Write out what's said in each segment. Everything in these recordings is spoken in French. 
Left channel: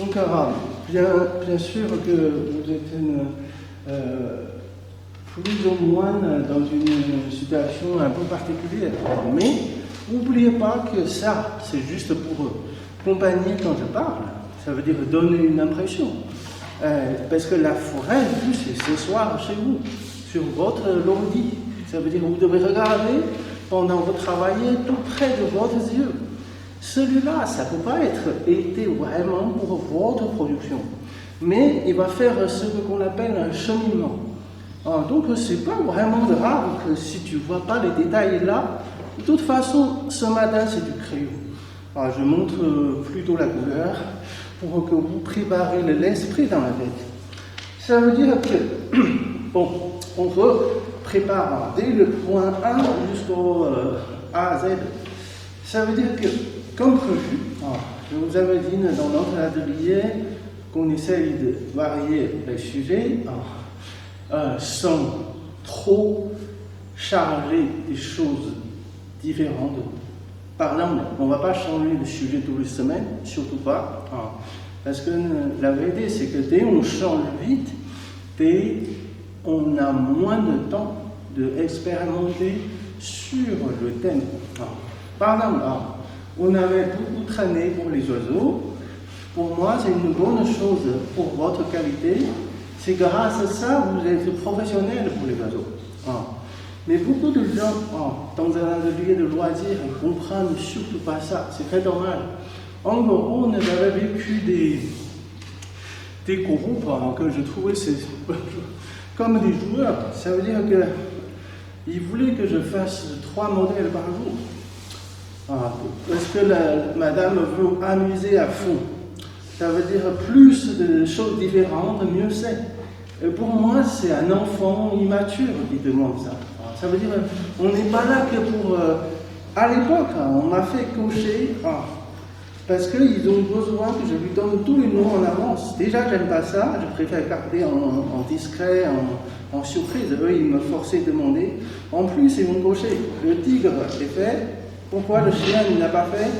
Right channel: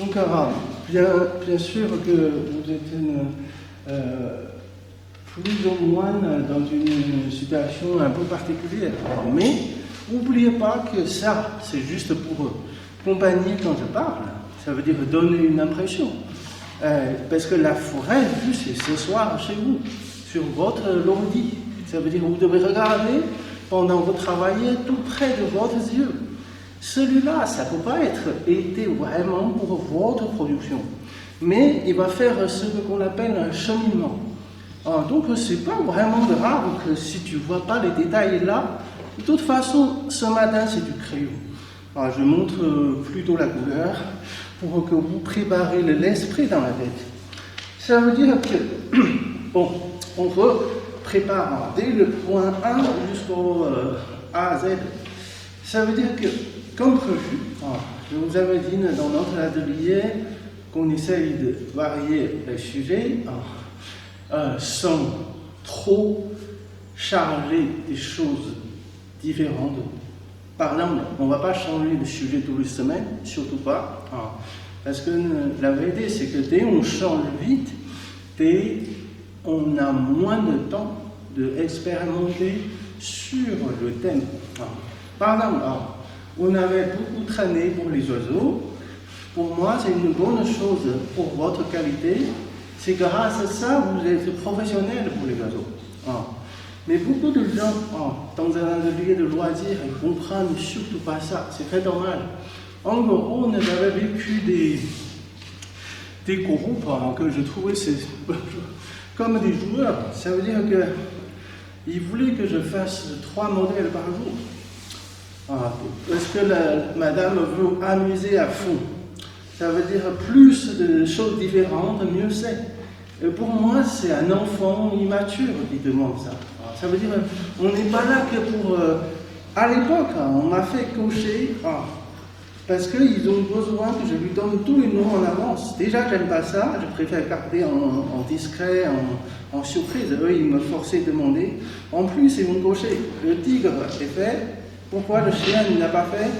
Donc, bien sûr que vous êtes plus ou moins dans une situation un peu particulière, mais n'oubliez pas que ça, c'est juste pour accompagner quand je parle. Ça veut dire vous donner une impression. Parce que la forêt, juste ce soir chez vous, sur votre ordi, ça veut dire que vous devez regarder pendant que vous travaillez tout près de vos yeux. Celui-là, ça ne peut pas être été vraiment pour votre production. Mais il va faire ce qu'on appelle un cheminement. Donc, ce n'est pas vraiment grave si tu ne vois pas les détails là. De toute façon, ce matin, c'est du crayon. Je montre plutôt la couleur pour que vous préparez l'esprit dans la tête. Ça veut dire que, bon, on peut préparer dès le point 1 jusqu'au A à Z. Ça veut dire que, comme prévu, je vous avais dit dans notre atelier qu'on essaye de varier le sujet sans trop changer des choses différentes. Pardon, on ne va pas changer le sujet toutes les semaines, surtout pas. Parce que la vérité, c'est que dès qu'on change vite, dès on a moins de temps d'expérimenter sur le thème. Pardon, on avait traîné pour les oiseaux. Pour moi, c'est une bonne chose pour votre qualité. C'est grâce à ça que vous êtes professionnel pour les oiseaux. Mais beaucoup de gens, dans un atelier de loisirs, ne comprennent surtout pas ça. C'est très dommage. En gros, on avait vécu des groupes que je trouvais comme des joueurs. Ça veut dire qu'ils voulaient que je fasse 3 modèles par jour. Parce que madame veut amuser à fond. Ça veut dire plus de choses différentes, mieux c'est. Et pour moi, c'est un enfant immature qui demande ça. Ça veut dire qu'on n'est pas là que pour... à l'époque, on m'a fait cocher parce qu'ils ont besoin que je lui donne tous les noms en avance. Déjà, j'aime pas ça, je préfère garder en discret, en surprise. Eux, ils me forçaient de demander. En plus, ils m'ont coché. Le tigre, c'est fait. Pourquoi le chien il n'a pas fait?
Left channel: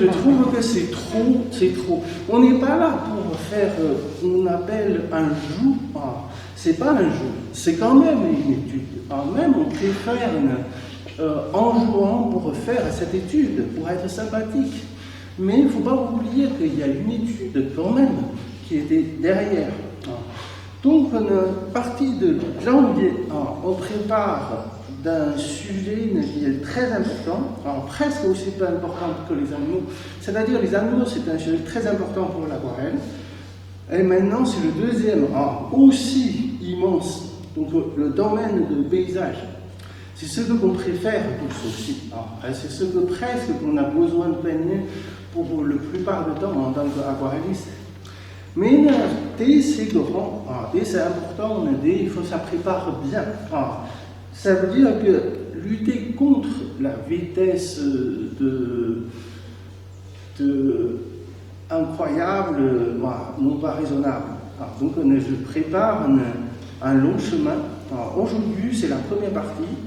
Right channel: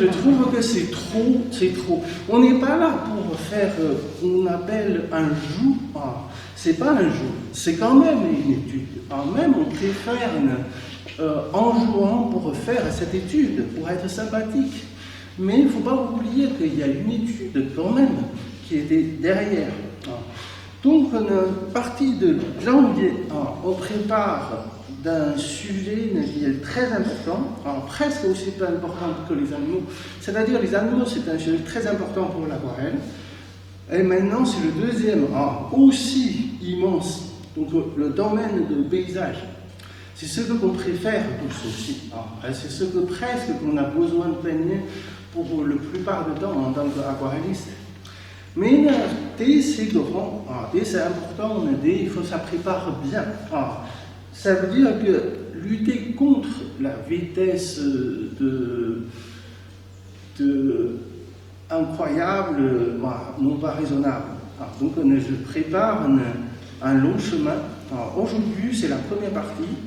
Je trouve que c'est trop. On n'est pas là pour faire ce qu'on appelle un jeu. C'est pas un jeu, c'est quand même même on préfère en jouant pour faire cette étude, pour être sympathique. Mais il ne faut pas oublier qu'il y a une étude quand même qui était derrière. Donc, une partie de janvier, on prépare d'un sujet qui est très important, presque aussi important que les animaux. C'est-à-dire les animaux, c'est un sujet très important pour l'aquarelle. Et maintenant, c'est le deuxième, aussi immense, donc le domaine du paysage. C'est ce que l'on préfère pour ceci. C'est ce que presque on a besoin de peigner pour la plupart du temps en tant qu'aquarelliste. Mais dès c'est grand, dès c'est important, dès ça prépare bien. Ça veut dire que lutter contre la vitesse incroyable, non pas raisonnable. Donc on se prépare à long chemin. Aujourd'hui, c'est la première partie.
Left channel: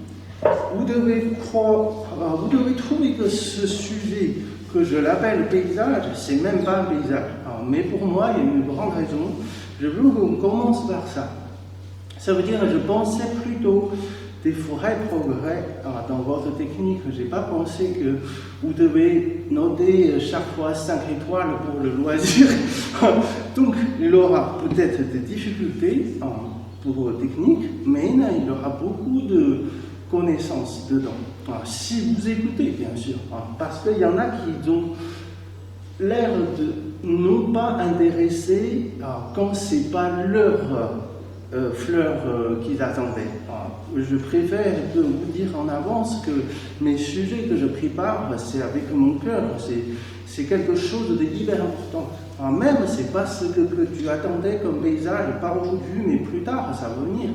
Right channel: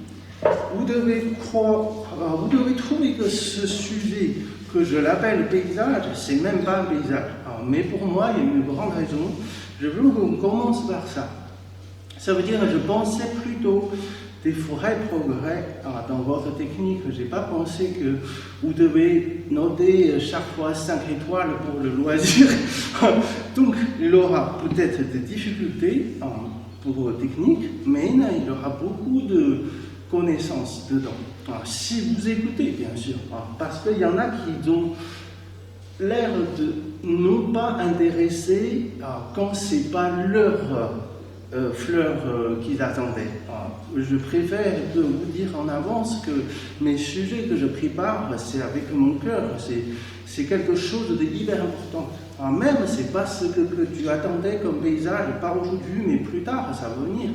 Vous devez trouver que ce sujet, que je l'appelle paysage, c'est même pas paysage. Mais pour moi, il y a une grande raison. Je veux qu'on commence par ça. Ça veut dire que je pensais plutôt des forêts progrès dans votre technique. Je n'ai pas pensé que vous devez noter chaque fois 5 étoiles pour les loisirs. Donc, il y aura peut-être des difficultés pour votre technique, mais il y aura beaucoup de connaissances dedans. Si vous écoutez, bien sûr, parce qu'il y en a qui ont l'air de non pas intéressés quand ce n'est pas leur fleurs qu'ils attendaient. Je préfère vous dire en avance que mes sujets que je prépare, c'est avec mon cœur, c'est quelque chose d'hyper important. Même c'est pas ce que tu attendais comme paysage, pas aujourd'hui, mais plus tard, ça va venir.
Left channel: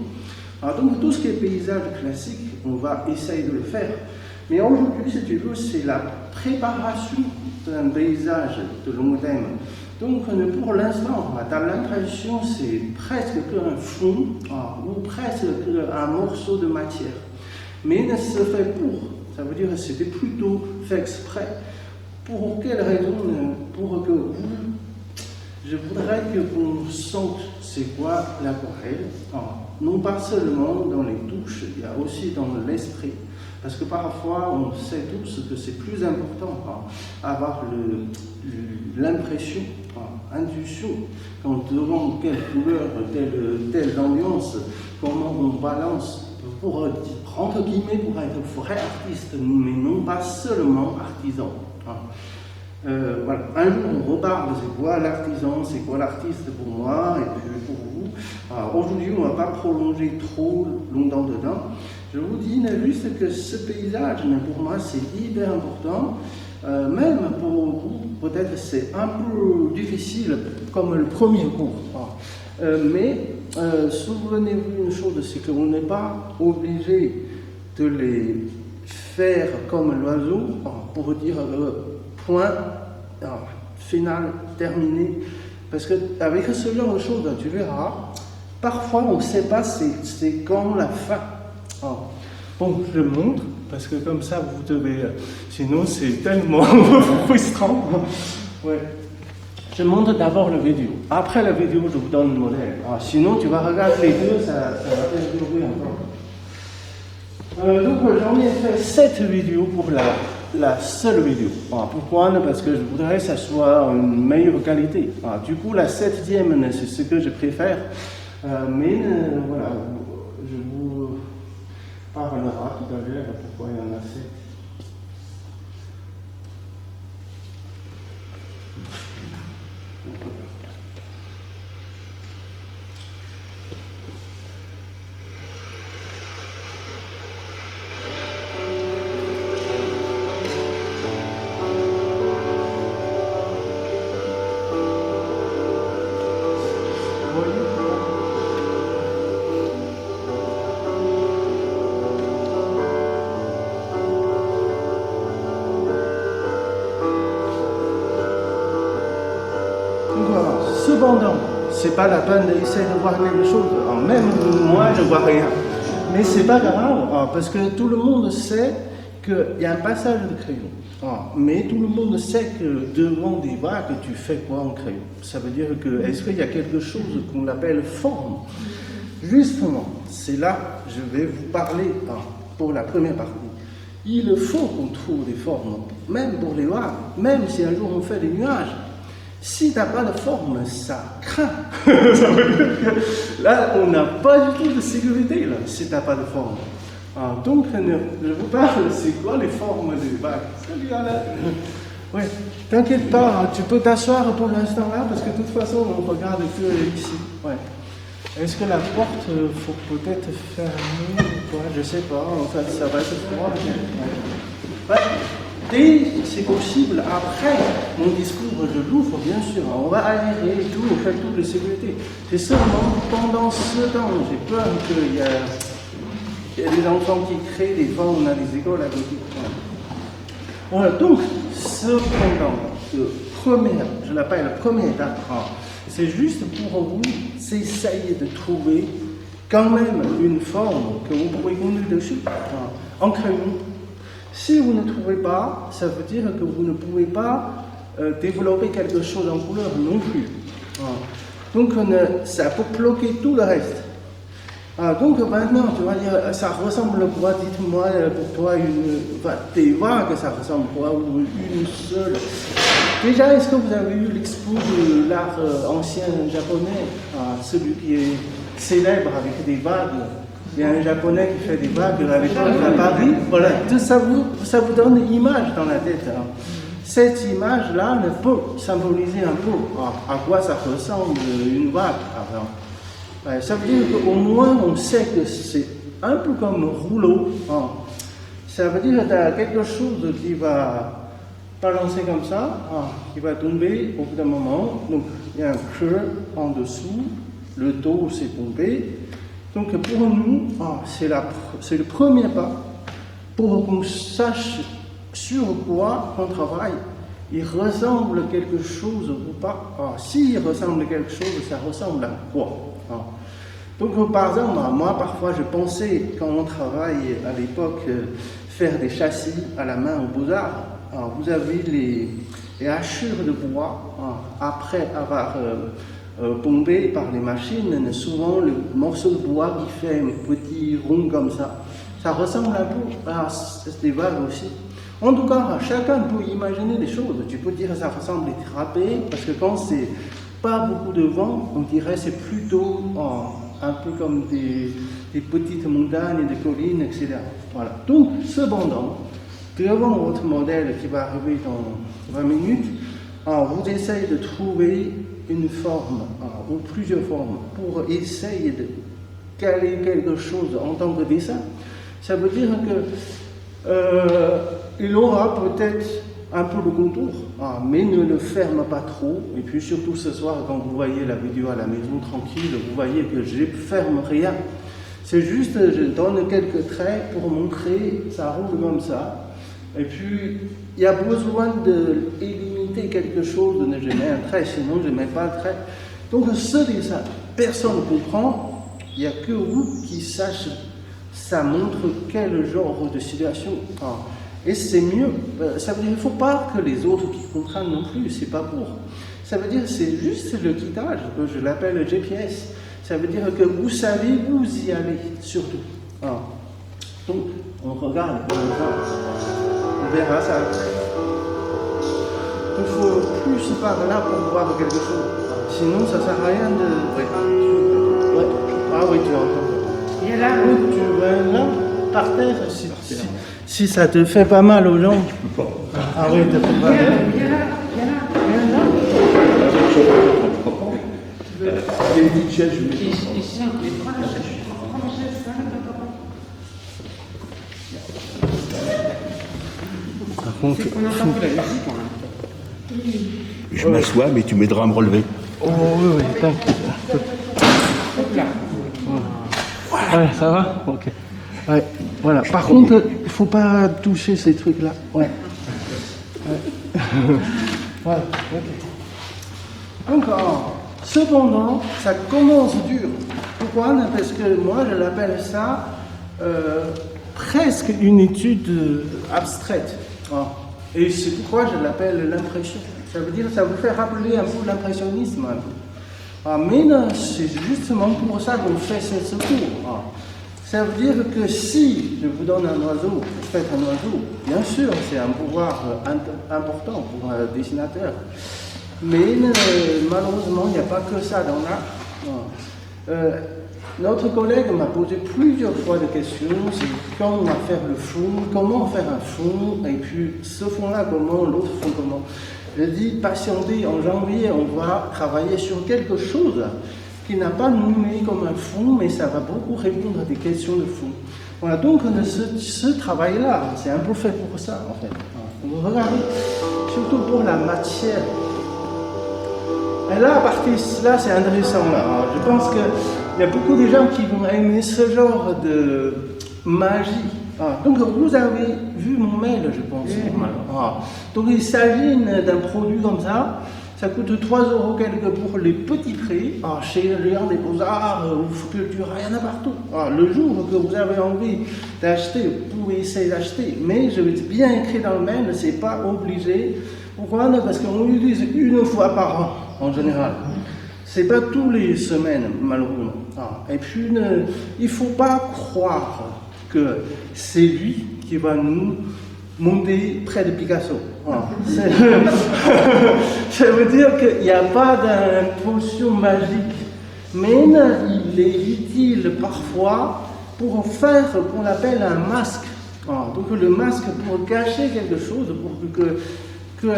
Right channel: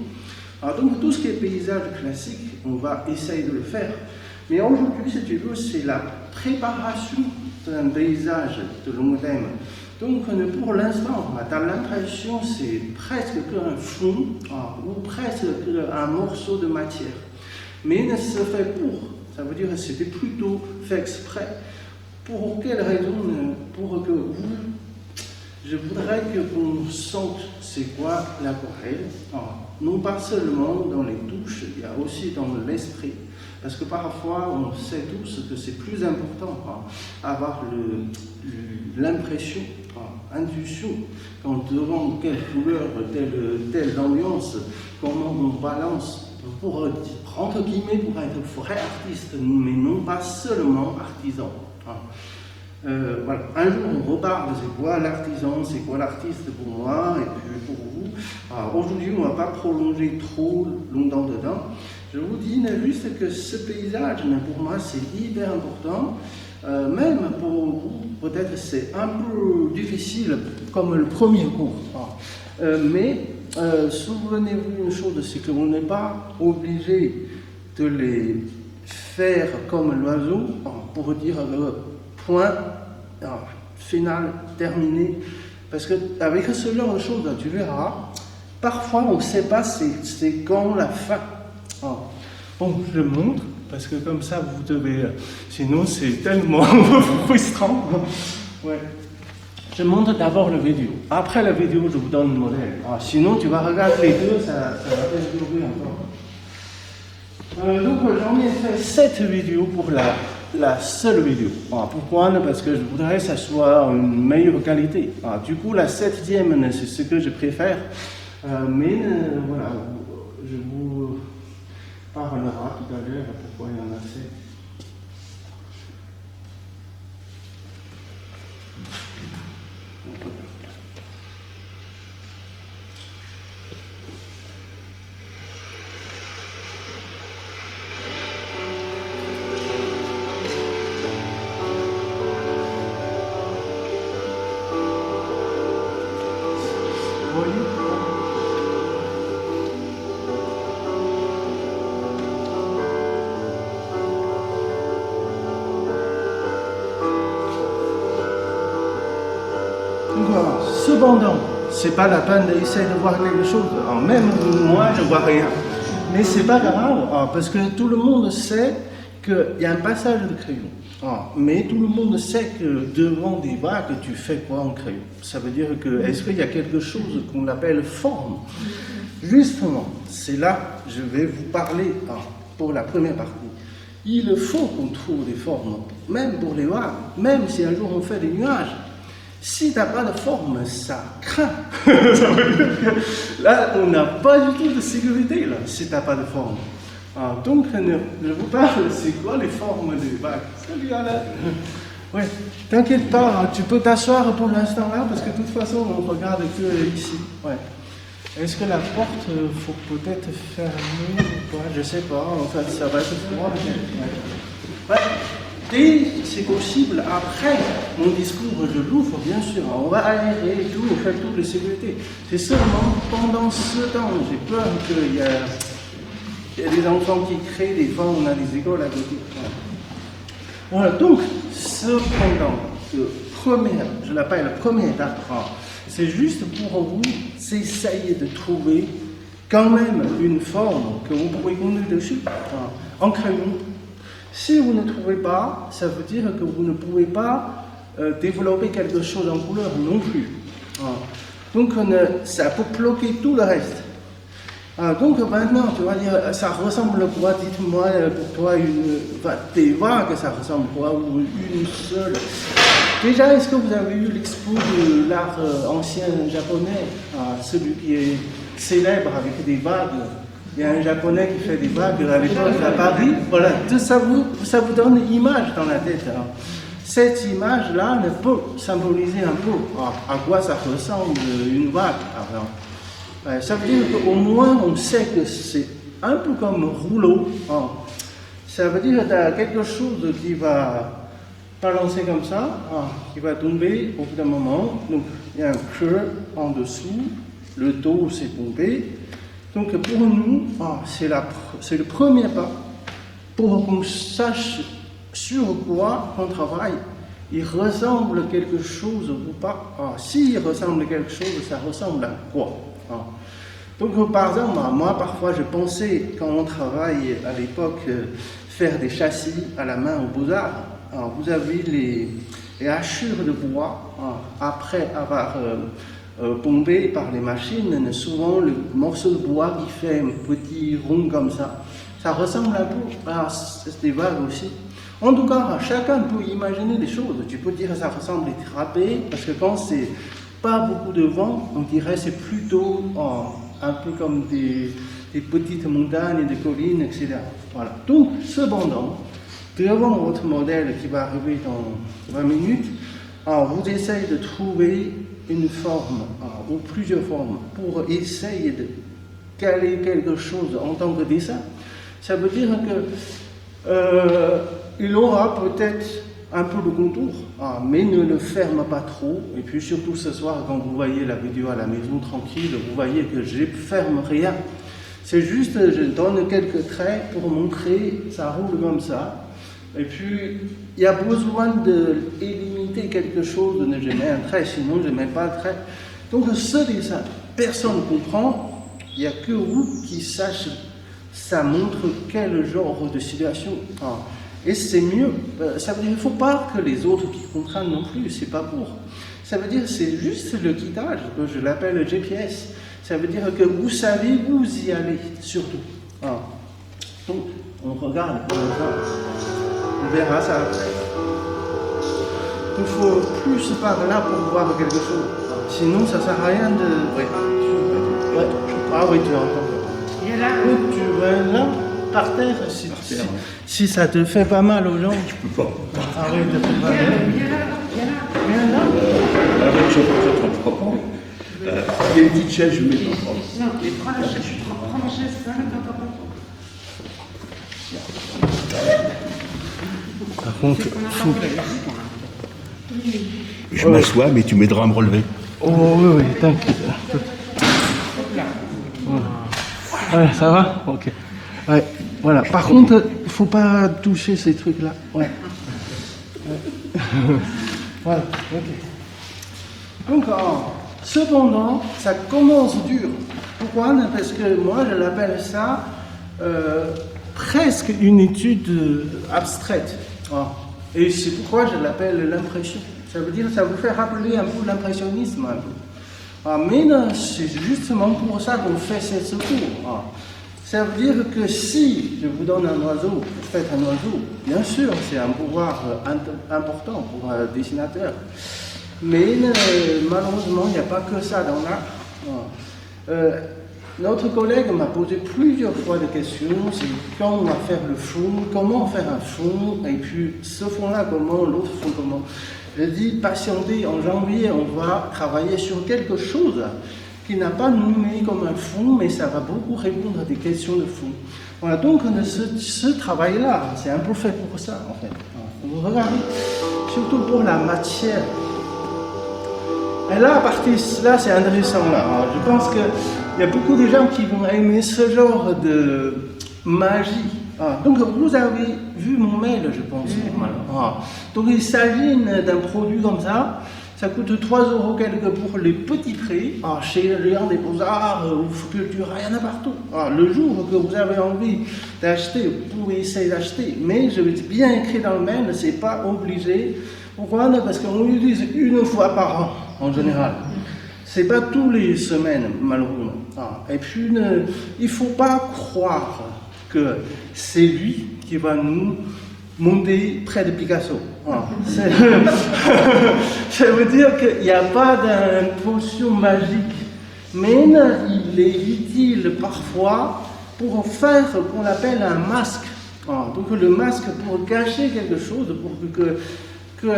Donc tout ce qui est paysage classique, on va essayer de le faire. Mais aujourd'hui, si tu veux, c'est la préparation d'un paysage de long terme. Donc pour l'instant, tu as l'impression que c'est presque un fond, ou presque un morceau de matière. Mais c'est fait pour. Ça veut dire que c'est plutôt fait exprès pour quelle raison? Pour que je voudrais que vous sente c'est quoi la nouvelle, non pas seulement dans les touches, mais aussi dans l'esprit. Parce que parfois, on sait tous que c'est plus important avoir l'impression, l'intuition, quand devant quelle couleur, telle ambiance, comment on balance pour, entre guillemets, pour être vrai artiste, mais non pas seulement artisan. Un jour, on reparle, c'est quoi l'artisan, c'est quoi l'artiste pour moi et puis pour vous. Alors aujourd'hui, on ne va pas prolonger trop longtemps dedans. Je vous dis, Navi, c'est que ce paysage, mais pour moi, c'est hyper important. Même pour peut-être c'est un peu difficile, comme le premier cours. Mais souvenez-vous une chose, c'est qu'on n'est pas obligé de les faire comme l'oiseau, pour dire point final, terminé. Parce qu'avec ce genre de choses, tu verras, parfois on ne sait pas c'est quand la fin. Bon, je le montre, parce que comme ça, vous devez. Sinon, c'est tellement frustrant. Ouais. Je montre d'abord la vidéo. Après la vidéo, je vous donne le modèle. Sinon, tu vas regarder les deux, ça va changer encore. Donc, je voulais faire cette vidéo pour la seule vidéo. Pourquoi? Parce que je voudrais que ça soit en meilleure qualité. Du coup, la 7e, c'est ce que je préfère. Mais voilà, je vous parlerai tout à l'heure de pourquoi il y en a fait. Cependant, c'est pas la peine d'essayer de voir quelque chose. Même moi, je vois rien. Mais c'est pas grave, parce que tout le monde sait qu'il y a un passage de crayon. Mais tout le monde sait que devant des vagues, tu fais quoi en crayon? Ça veut dire que, est-ce qu'il y a quelque chose qu'on appelle forme? Justement, c'est là que je vais vous parler pour la première partie. Il faut qu'on trouve des formes, même pour les vagues, même si un jour on fait des nuages. Si tu n'as pas de forme, ça craint. Là, on n'a pas du tout de sécurité, là, si tu n'as pas de forme. Donc, je parle, c'est quoi les formes des vagues? Oui, t'inquiète pas, tu peux t'asseoir pour l'instant là, parce que de toute façon, on regarde ici. Ouais. Est-ce que la porte, il faut peut-être fermer ou quoi? Je sais pas, ça va être froid. Et c'est possible, après mon discours de bouffe, bien sûr, on va aller au calcul de sécurité. C'est seulement pendant ce temps, j'ai peur qu'il y a des enfants qui créent des formes des écoles là-dessus. Donc, je l'appelle première d'apprendre. C'est juste pour vous essayer de trouver quand même une forme que vous pouvez mettre dessus en crayon. Si vous ne trouvez pas, ça veut dire que vous ne pouvez pas développer quelque chose en couleur non plus. Donc ça peut bloquer tout le reste. Donc maintenant, tu vas dire, ça ressemble à quoi? Dites-moi de toi, tes vagues, ça ressemble à quoi? Une seule. Déjà, est-ce que vous avez vu l'expo de l'art ancien japonais, celui qui est célèbre avec des vagues? Il y a un japonais qui fait des vagues à l'époque de Paris. Voilà. Ça vous donne une image dans la tête. Cette image-là, elle peut symboliser un peu à quoi ça ressemble une vague. Ça veut dire qu'au moins on sait que c'est un peu comme un rouleau. Ça veut dire qu'il y a quelque chose qui va balancer comme ça, qui va tomber au bout d'un moment. Donc il y a un creux en dessous, le dos s'est tombé. Donc pour nous, c'est le premier pas pour qu'on sache sur quoi on travaille. Il ressemble à quelque chose ou pas. S'il ressemble à quelque chose, ça ressemble à quoi? Donc par exemple, moi parfois je pensais quand on travaille à l'époque faire des châssis à la main au Beaux-Arts. Alors, vous avez les hachures de bois, après avoir pompé par les machines, souvent le morceau de bois qui fait un petit rond comme ça, ça ressemble à un festival aussi. En tout cas, chacun peut imaginer les choses. Tu peux dire que ça ressemble à être râpé, parce que quand c'est pas beaucoup de vent, on dirait que c'est plutôt un peu comme des petites montagnes, des collines, etc. Voilà. Donc, cependant, devant votre modèle qui va arriver dans 20 minutes, vous essayez de trouver une forme, plusieurs formes, pour essayer de caler quelque chose en tant que dessin. Ça veut dire que il aura peut-être un peu de contour, mais ne le ferme pas trop. Et puis surtout ce soir, quand vous voyez la vidéo à la maison tranquille, vous voyez que je ne ferme rien. C'est juste que je donne quelques traits pour montrer ça roule comme ça. Et puis, il y a besoin de limiter quelque chose, je mets un trait, sinon je ne mets pas un trait. Donc ce dessin, personne ne comprend, il n'y a que vous qui sachez. Ça montre quel genre de situation. Et c'est mieux. Ça veut dire qu'il ne faut pas que les autres comprennent non plus, c'est pas pour. Ça veut dire que c'est juste le guidage, que je l'appelle le GPS. Ça veut dire que vous savez où vous y allez, surtout. Donc, on regarde, on verra ça. Il faut plus par là pour voir quelque chose. Sinon, ça ne sert à rien de... Ouais. Ah oui, tu entends. Et là, tu là, par terre, si ça te fait pas mal aux jambes, arrête, ça fait pas mal. Il y a une petite chaise, je m'assois, mais tu m'aideras à me relever. Oh oui, t'inquiète. Ça va? Ok. Ouais, voilà. Par contre, il ne faut pas toucher ces trucs-là. Ouais. Voilà. Encore. Cependant, ça commence dur. Pourquoi? Parce que moi, je l'appelle ça presque une étude abstraite. Et c'est pourquoi je l'appelle l'impression. Ça veut dire que ça me fait rappeler un peu l'impressionnisme. Mais c'est justement pour ça que je fais cette série. Ça veut dire que si je vous donne un oiseau, peut-être un oiseau, bien sûr, c'est un pouvoir important pour un dessinateur. Mais malheureusement, il n'y a pas que ça dans l'art. Notre collègue m'a posé plusieurs fois des questions, c'est comment faire le fond, et puis ce fond-là comment, l'autre fond comment. Je dis, patientez, en janvier, on va travailler sur quelque chose qui n'a pas mimé comme un fond, mais ça va beaucoup répondre à des questions de fond. Voilà, donc ce travail-là, c'est un peu fait pour ça, en fait. Vous regardez, surtout pour la matière. Et là, à partir de là, c'est intéressant. Je pense qu'il y a beaucoup de gens qui vont aimer ce genre de magie. Donc, vous avez vu mon mail, je pense. Voilà. Donc, il s'agit d'un produit comme ça. Ça coûte 3 € quelque pour le petit prix. Chez Léon, les Beaux-Arts, ou Culture, il y en a partout. Le jour que vous avez envie d'acheter, vous pouvez essayer d'acheter. Mais je vais bien écrit dans le mail, c'est pas obligé. Voilà, parce qu'on l'utilise une fois par an, en général. C'est pas tous les semaines, malheureusement. Et puis, il ne faut pas croire que c'est lui qui va nous monter près de Picasso. Ça veut dire qu'il n'y a pas d'impulsion magique. Mais il est utile parfois pour faire ce qu'on appelle un masque. Donc le masque pour cacher quelque chose. Que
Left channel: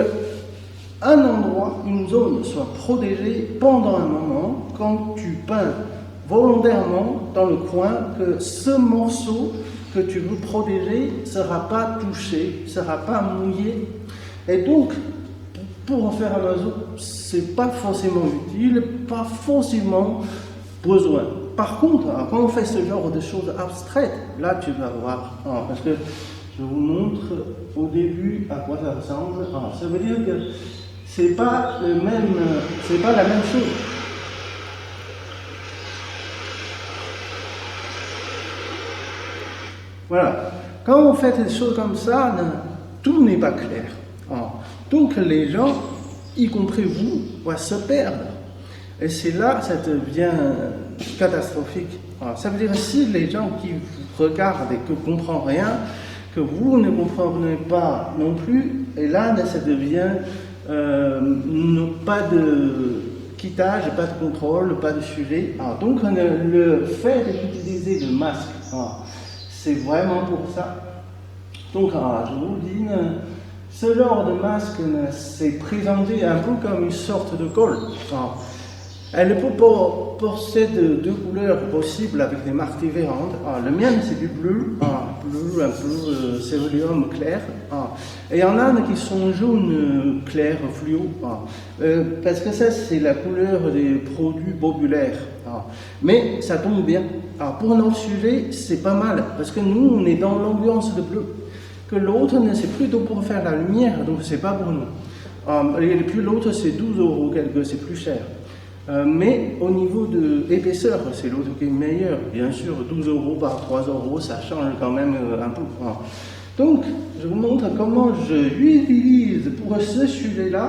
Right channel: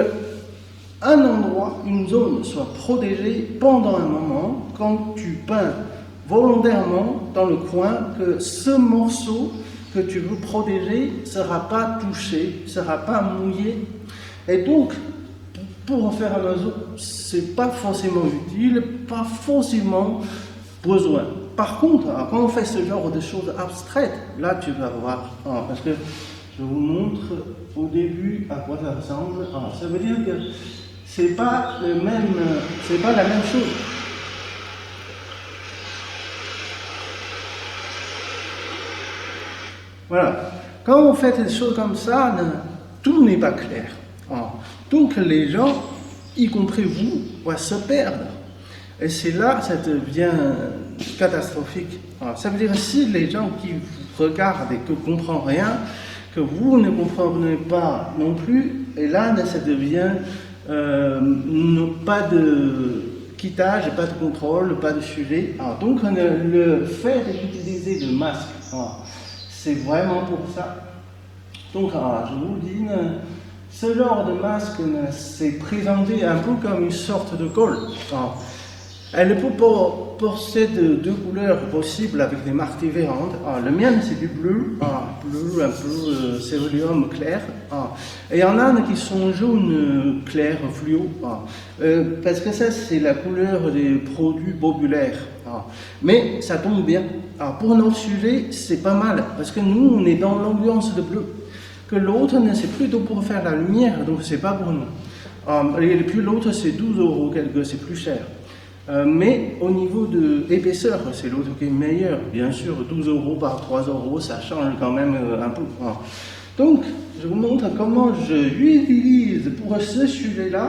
une zone soit protégée pendant un moment, quand tu peins volontairement dans le coin, que ce morceau que tu veux protéger ne sera pas touché, ne sera pas mouillé. Et donc, pour en faire un oiseau, ce n'est pas forcément utile, pas forcément besoin. Par contre, après on fait ce genre de choses abstraites, là tu vas voir, parce que je vous montre au début à quoi ça ressemble. Ça veut dire que c'est pas la même chose. Voilà. Quand on fait des choses comme ça, là, tout n'est pas clair. Donc les gens, y compris vous, se perdent. Et c'est là que ça devient catastrophique. Ça veut dire si les gens qui regardent et qui ne comprennent rien, que vous ne comprenez pas non plus, et là, ça devient pas de quittage, pas de contrôle, pas de suivi. Donc le fait d'utiliser le masque, c'est vraiment pour ça. Donc je vous dis, ce genre de masque, c'est présenté un peu comme une sorte de colle. Elle peut posséder deux couleurs possibles avec des marques différentes. Le mien, c'est du bleu, bleu céruleum clair. Et il y en a qui sont jaunes clair, fluo. Parce que ça, c'est la couleur des produits populaires. Mais ça tombe bien. Pour notre sujet, c'est pas mal. Parce que nous, on est dans l'ambiance de bleu. Que l'autre, c'est plutôt pour faire la lumière, donc c'est pas pour nous. Et puis l'autre, c'est 12 € quelque, c'est plus cher. Mais au niveau de l'épaisseur, c'est l'autre qui est meilleur. Bien sûr, 12 € par 3 €, ça change quand même un peu. Donc, je vous montre comment je l'utilise pour ce sujet-là.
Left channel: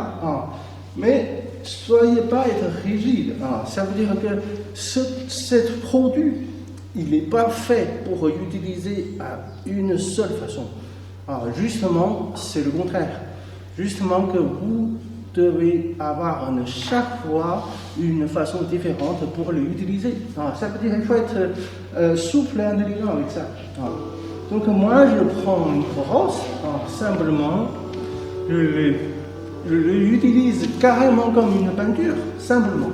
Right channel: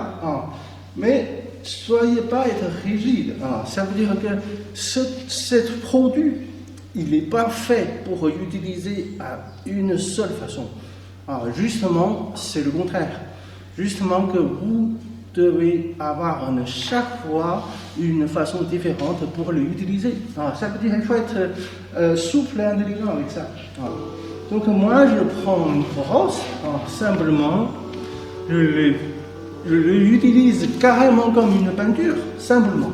Mais soyez pas être rigide. Ça veut dire que ce produit, il n'est pas fait pour l'utiliser d'une seule façon. Justement, c'est le contraire. Justement que vous devez avoir à chaque fois une façon différente pour l'utiliser. Ça veut dire être souple et intelligent avec ça. Donc moi, je prends une crosse, simplement, je l'utilise carrément comme une peinture, simplement.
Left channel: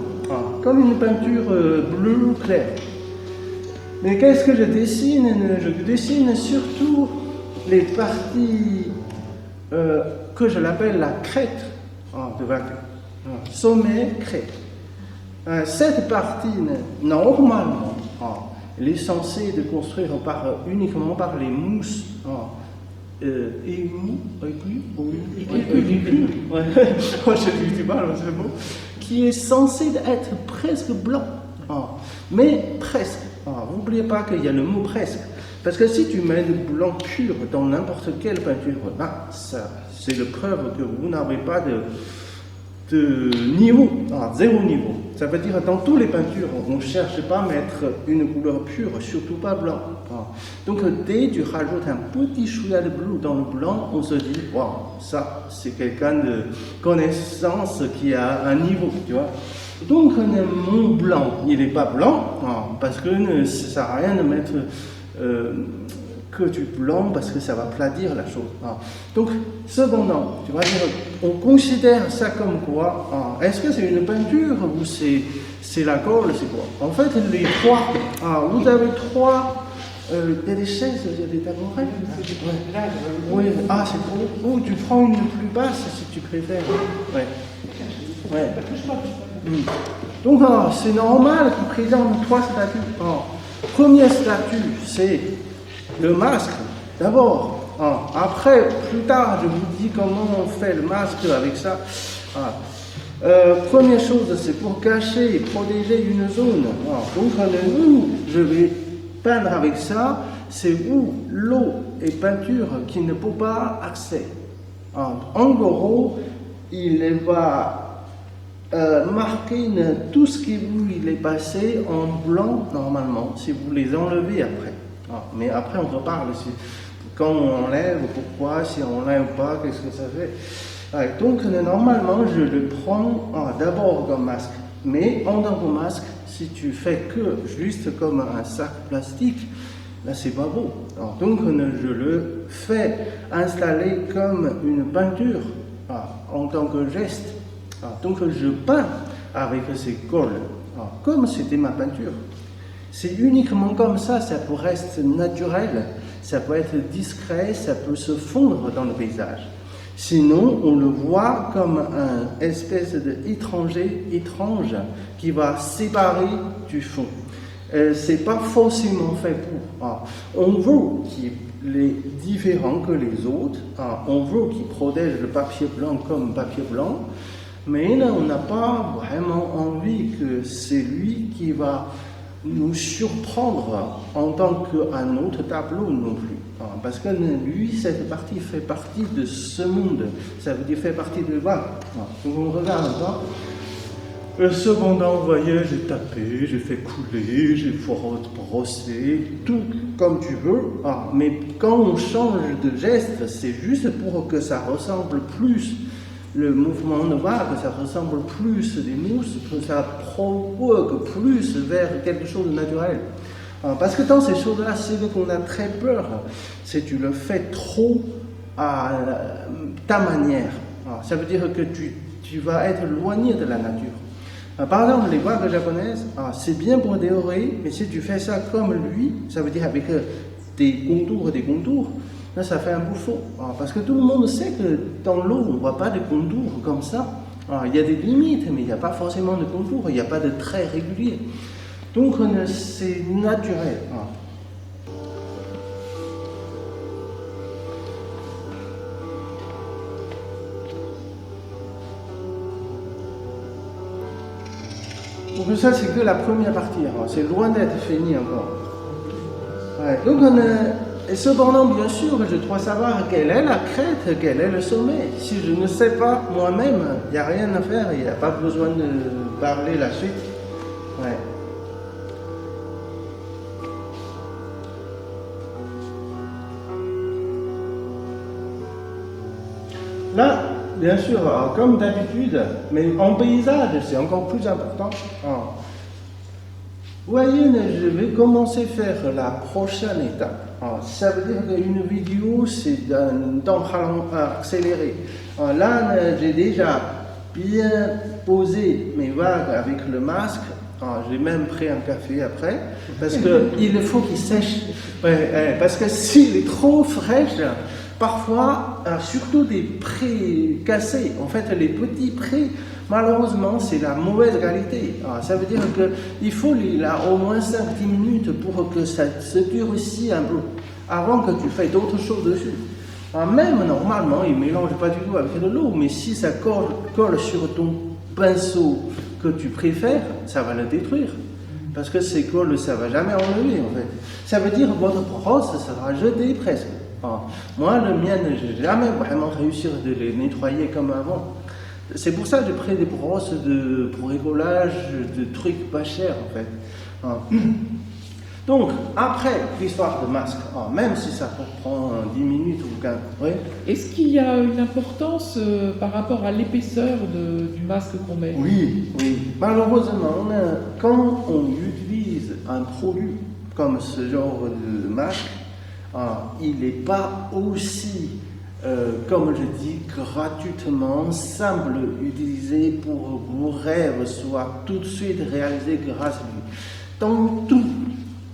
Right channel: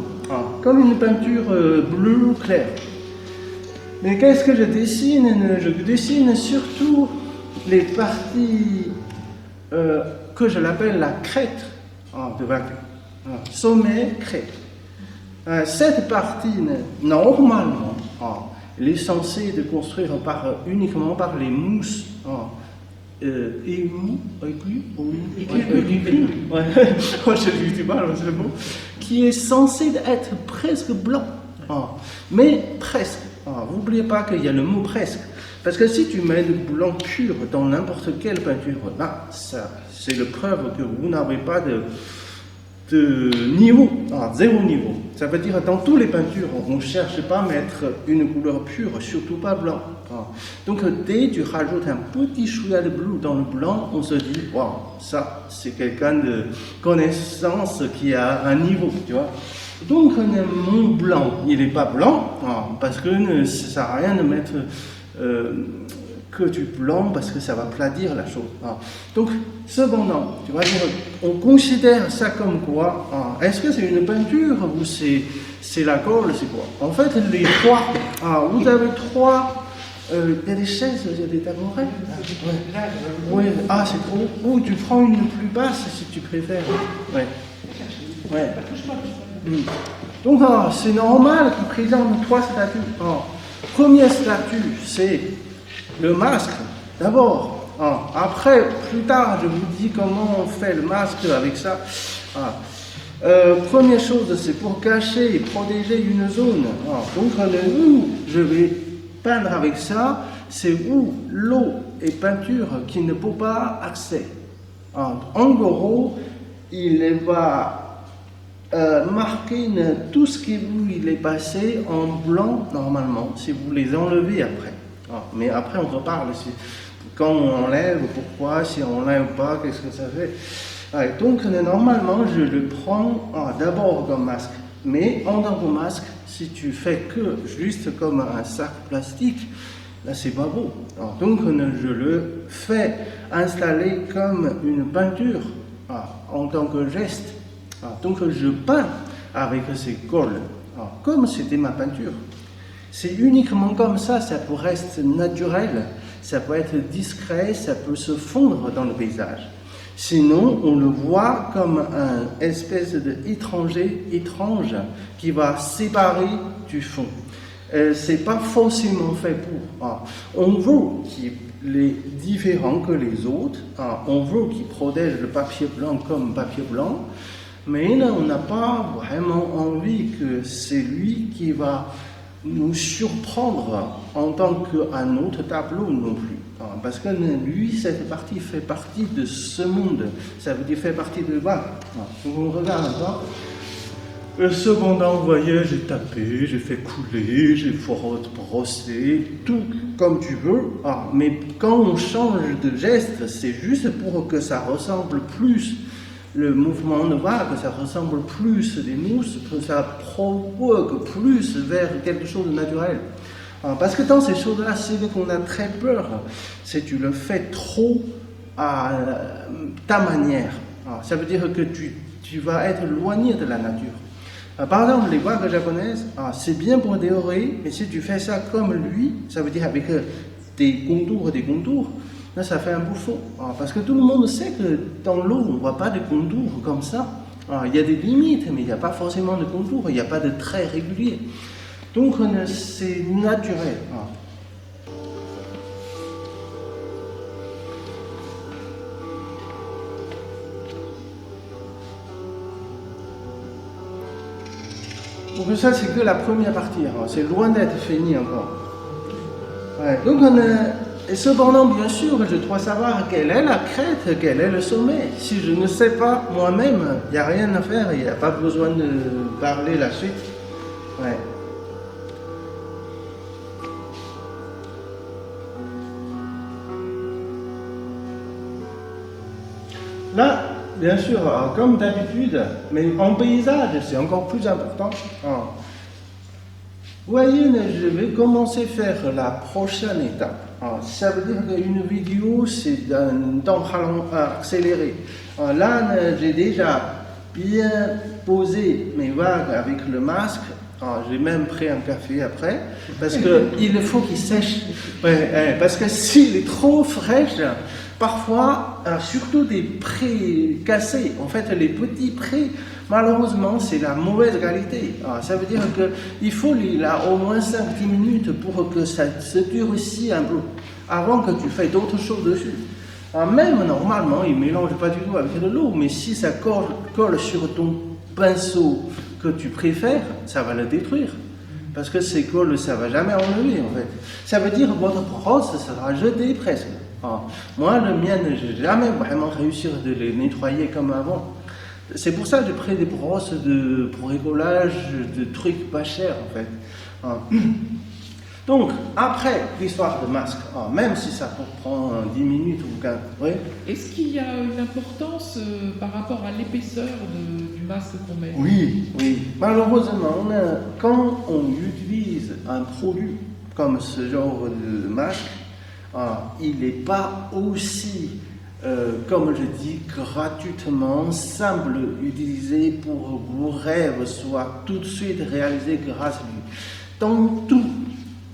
Comme une peinture bleue claire. Mais qu'est-ce que je dessine? Je dessine surtout les parties que je l'appelle la crête de vainqueur. Sommet, crête. Cette partie, normalement, elle est censée de construire uniquement par les mousses qui est censé être presque blanc. Mais presque. N'oubliez pas qu'il y a le mot presque. Parce que si tu mets le blanc pur dans n'importe quelle peinture, c'est une preuve que vous n'avez pas de niveau, zéro niveau. Ça veut dire que dans toutes les peintures, on ne cherche pas à mettre une couleur pure, surtout pas blanc. Donc dès que tu rajoutes un petit chouïa de bleu dans le blanc, on se dit, waouh, ça c'est quelqu'un de connaissance qui a un niveau, tu vois. Donc mon blanc, il n'est pas blanc, parce que ça ne sert à rien de mettre que du blanc parce que ça va platir la chose. Donc, cependant, on considère ça comme quoi? Est-ce que c'est une peinture ou c'est la colle, c'est quoi? En fait, les trois. Vous avez trois. Il y a des chaises, des tabourets. Ouais. C'est cool. Oh, tu prends une plus basse si tu préfères. Ouais. Donc, c'est normal qu'on présente trois statues. Première statue, c'est le masque, d'abord. Après, plus tard, je vous dis comment on fait le masque avec ça. Première chose, c'est pour cacher et protéger une zone. Donc, je vais peindre avec ça, c'est où l'eau et peinture qui ne peut pas accéder. En gros, il va marquer tout ce qui vous est passé en blanc normalement, si vous les enlevez après. Mais après, on peut pas enlever. Quand on enlève, pourquoi? Si on enlève pas, qu'est-ce que ça fait? Donc, normalement, je le prends d'abord dans le masque. Mais en dans le masque, si tu fais que juste comme un sac plastique, c'est pas bon. Donc, je le fais installer comme une peinture en tant que geste. Donc, je peins avec ces colles, comme c'était ma peinture. C'est uniquement comme ça peut rester naturel, ça peut être discret, ça peut se fondre dans le paysage. Sinon, on le voit comme un espèce d'étranger étrange qui va séparer du fond. C'est pas forcément fait pour. On veut qu'il est différent que les autres, on veut qu'il protège le papier blanc comme papier blanc, mais on n'a pas vraiment envie que c'est lui qui va nous surprendre en tant qu'un autre tableau non plus. parce que lui, cette partie fait partie de ce monde. Ça veut dire fait partie de... Voilà. Si on regarde là, cependant, vous voyez, j'ai tapé, j'ai fait couler, j'ai brossé, tout comme tu veux. Mais quand on change de geste, c'est juste pour que ça ressemble plus le mouvement de bras, que ça ressemble plus les mousses, que ça prend plus vers quelque chose de naturel. Parce que dans ces choses-là, c'est qu'on a très peur. Si tu le fais trop à ta manière, ça veut dire que tu vas être éloigné de la nature. Par exemple, les vagues japonaises, c'est bien pour décorer, mais si tu fais ça comme lui, ça veut dire avec des contours, là ça fait un beau fond. Parce que tout le monde sait que dans l'eau, on ne voit pas de contours comme ça. Il y a des limites, mais il n'y a pas forcément de contours, il n'y a pas de traits réguliers. Donc c'est naturel. Donc ça c'est que la première partie, c'est loin d'être fini encore. Ouais, donc et cependant bien sûr je dois savoir quelle est la crête, quel est le sommet. Si je ne sais pas moi-même, il n'y a rien à faire, il n'y a pas besoin de parler la suite. Ouais. Là, bien sûr, comme d'habitude, mais en paysage, c'est encore plus important. Vous voyez, là, je vais commencer à faire la prochaine étape. Ça veut dire qu'une vidéo, c'est d'un temps accéléré. Là, j'ai déjà bien posé mes mains avec le masque. J'ai même pris un café après, parce qu'il faut qu'il sèche. Parce que s'il est trop fraîche, parfois, surtout des prés cassés, en fait, les petits prés, malheureusement, c'est la mauvaise qualité. Ça veut dire qu'il faut là au moins 5-10 minutes pour que ça se durcisse un peu, avant que tu fasses d'autres choses dessus. Même normalement, il ne mélange pas du tout avec l'eau, mais si ça colle sur ton pinceau que tu préfères, ça va le détruire. Parce que ces colles, ça ne va jamais enlever. En fait. Ça veut dire que votre brosse sera jetée presque. Moi, le mien, je n'ai jamais vraiment réussi à les nettoyer comme avant. C'est pour ça que j'ai pris des brosses de bricolage, de trucs pas chers. En fait. Donc, après l'histoire de masque, même si ça peut prendre 10 minutes ou 15, est-ce qu'il y a une importance par rapport à l'épaisseur du masque qu'on met? Oui. Malheureusement, quand on utilise un produit comme ce genre de masque, il n'est pas aussi, comme je dis, gratuitement simple d'utiliser pour que vos rêves soient tout de suite réalisés grâce à lui. Donc,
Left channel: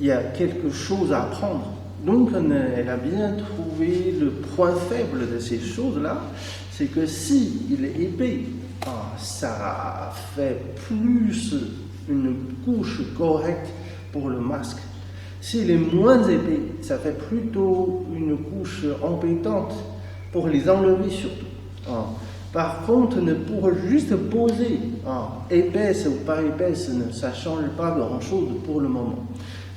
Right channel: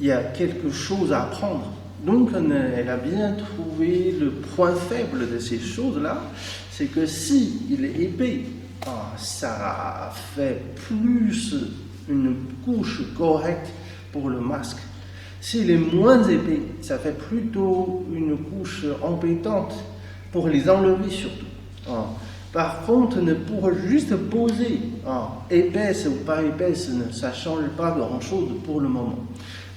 il y a quelque chose à apprendre. Donc, elle a bien trouvé le point faible de ces choses-là, c'est que si il est épais, ça fait plus une couche correcte pour le masque. S'il est moins épais, ça fait plutôt une couche embêtante pour les enlever surtout. Par contre, pour juste poser épaisse ou pas épaisse, ça ne change pas grand-chose pour le moment.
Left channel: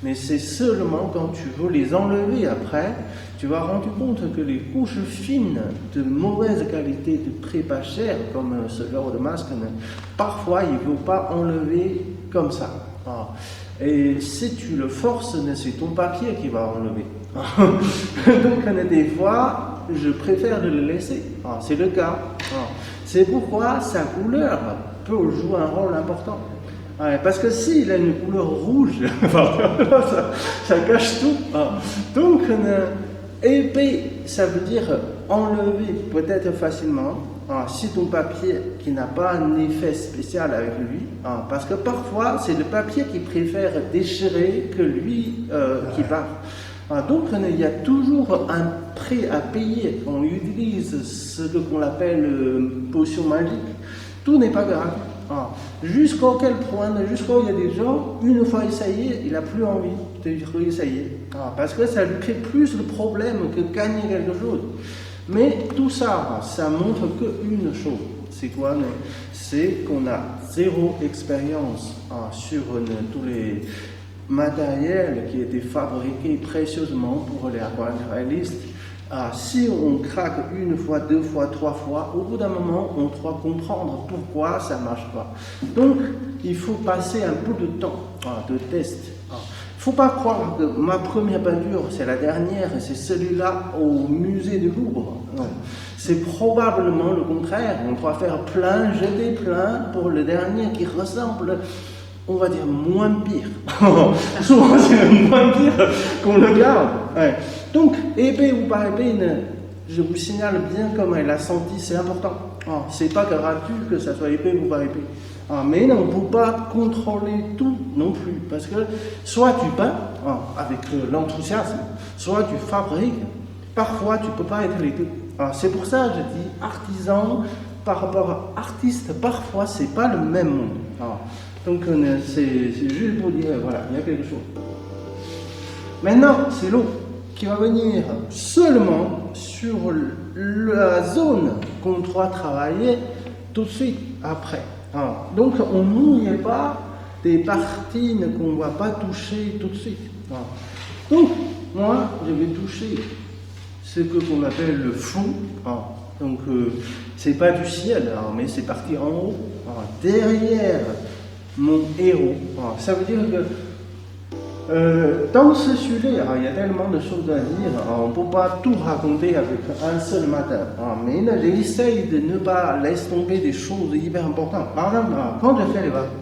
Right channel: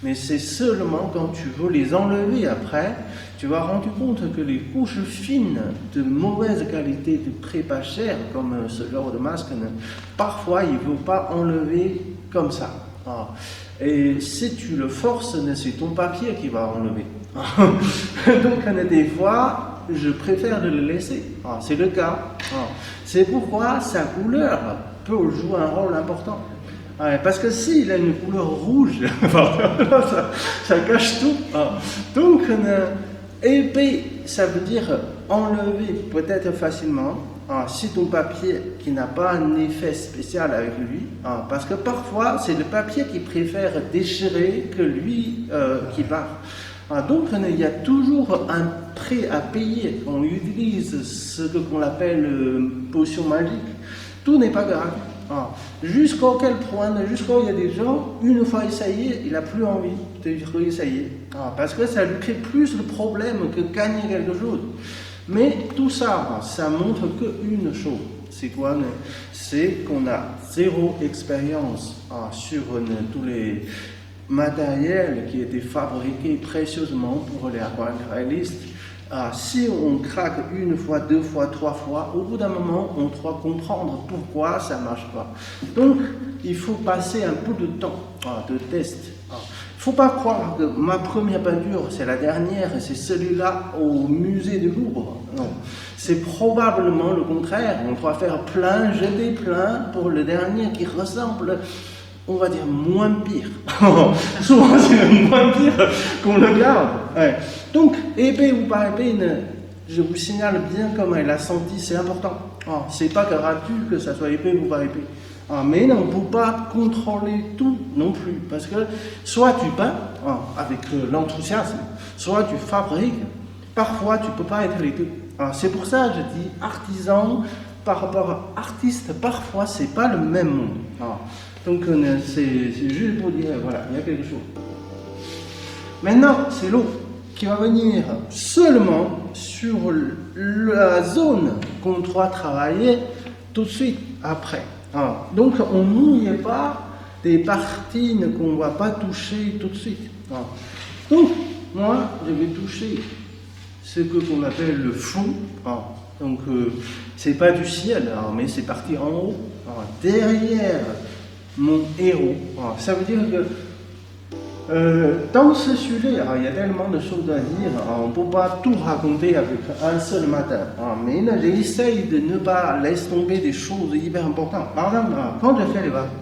Mais c'est seulement quand tu veux les enlever après, tu vas rendre compte que les couches fines de mauvaise qualité, de très pas cher, comme ce genre de masque, parfois ils ne vont pas enlever comme ça. Et si tu le forces, c'est ton papier qui va enlever. Donc des fois, je préfère de le laisser. C'est le cas. C'est pourquoi sa couleur peut jouer un rôle important. Parce que s'il a une couleur rouge, ça cache tout. Donc, épais, ça veut dire enlever peut-être facilement si ton papier qui n'a pas un effet spécial avec lui. Parce que parfois, c'est le papier qui préfère déchirer que lui qui part. Donc, il y a toujours un prix à payer. On utilise ce qu'on appelle potion magique. Tout n'est pas grave. Jusqu'à quel point, jusqu'à il y a des gens, une fois essayé, il n'a plus envie de réessayer. Parce que ça lui crée plus de problèmes que gagner quelque chose. Mais tout ça, ça montre qu'une chose. C'est quoi? C'est qu'on a zéro expérience sur tous matériel qui était fabriqué précieusement pour les aquarellistes. Si on craque une fois, deux fois, trois fois, au bout d'un moment, on doit comprendre pourquoi ça ne marche pas. Donc, il faut passer un peu de temps de test. Il ne faut pas croire que ma première peinture, c'est la dernière, et c'est celui-là au musée de Louvre. Non. C'est probablement le contraire. On doit faire plein, jeter plein pour le dernier qui ressemble, on va dire, moins pire. Moins pire qu'on regarde. Donc, épais ou pas épais, je vous signale bien comment il a senti, c'est important. C'est pas garanti que ça soit épais ou pas épais. Mais on ne peut pas contrôler tout non plus. Parce que soit tu peins avec l'enthousiasme, soit tu fabriques. Parfois, tu ne peux pas être les deux. C'est pour ça que je dis artisan par rapport à artiste. Parfois, ce n'est pas le même monde. Donc, c'est juste pour dire, voilà, il y a quelque chose. Maintenant, c'est l'autre qui va venir seulement sur la zone qu'on doit travailler tout de suite après. Donc, on n'ouvre pas des parties qu'on ne va pas toucher tout de suite. Donc, moi, je vais toucher ce que je m'appelle le fond. Donc, c'est pas du ciel, mais c'est parti en haut, derrière mon héros. Ça veut dire que dans ce sujet, il y a tellement de choses à dire, on ne peut pas tout raconter avec un seul matin. Mais j'essaye de ne pas laisser tomber des choses hyper importantes. Par exemple, quand je fais les bains,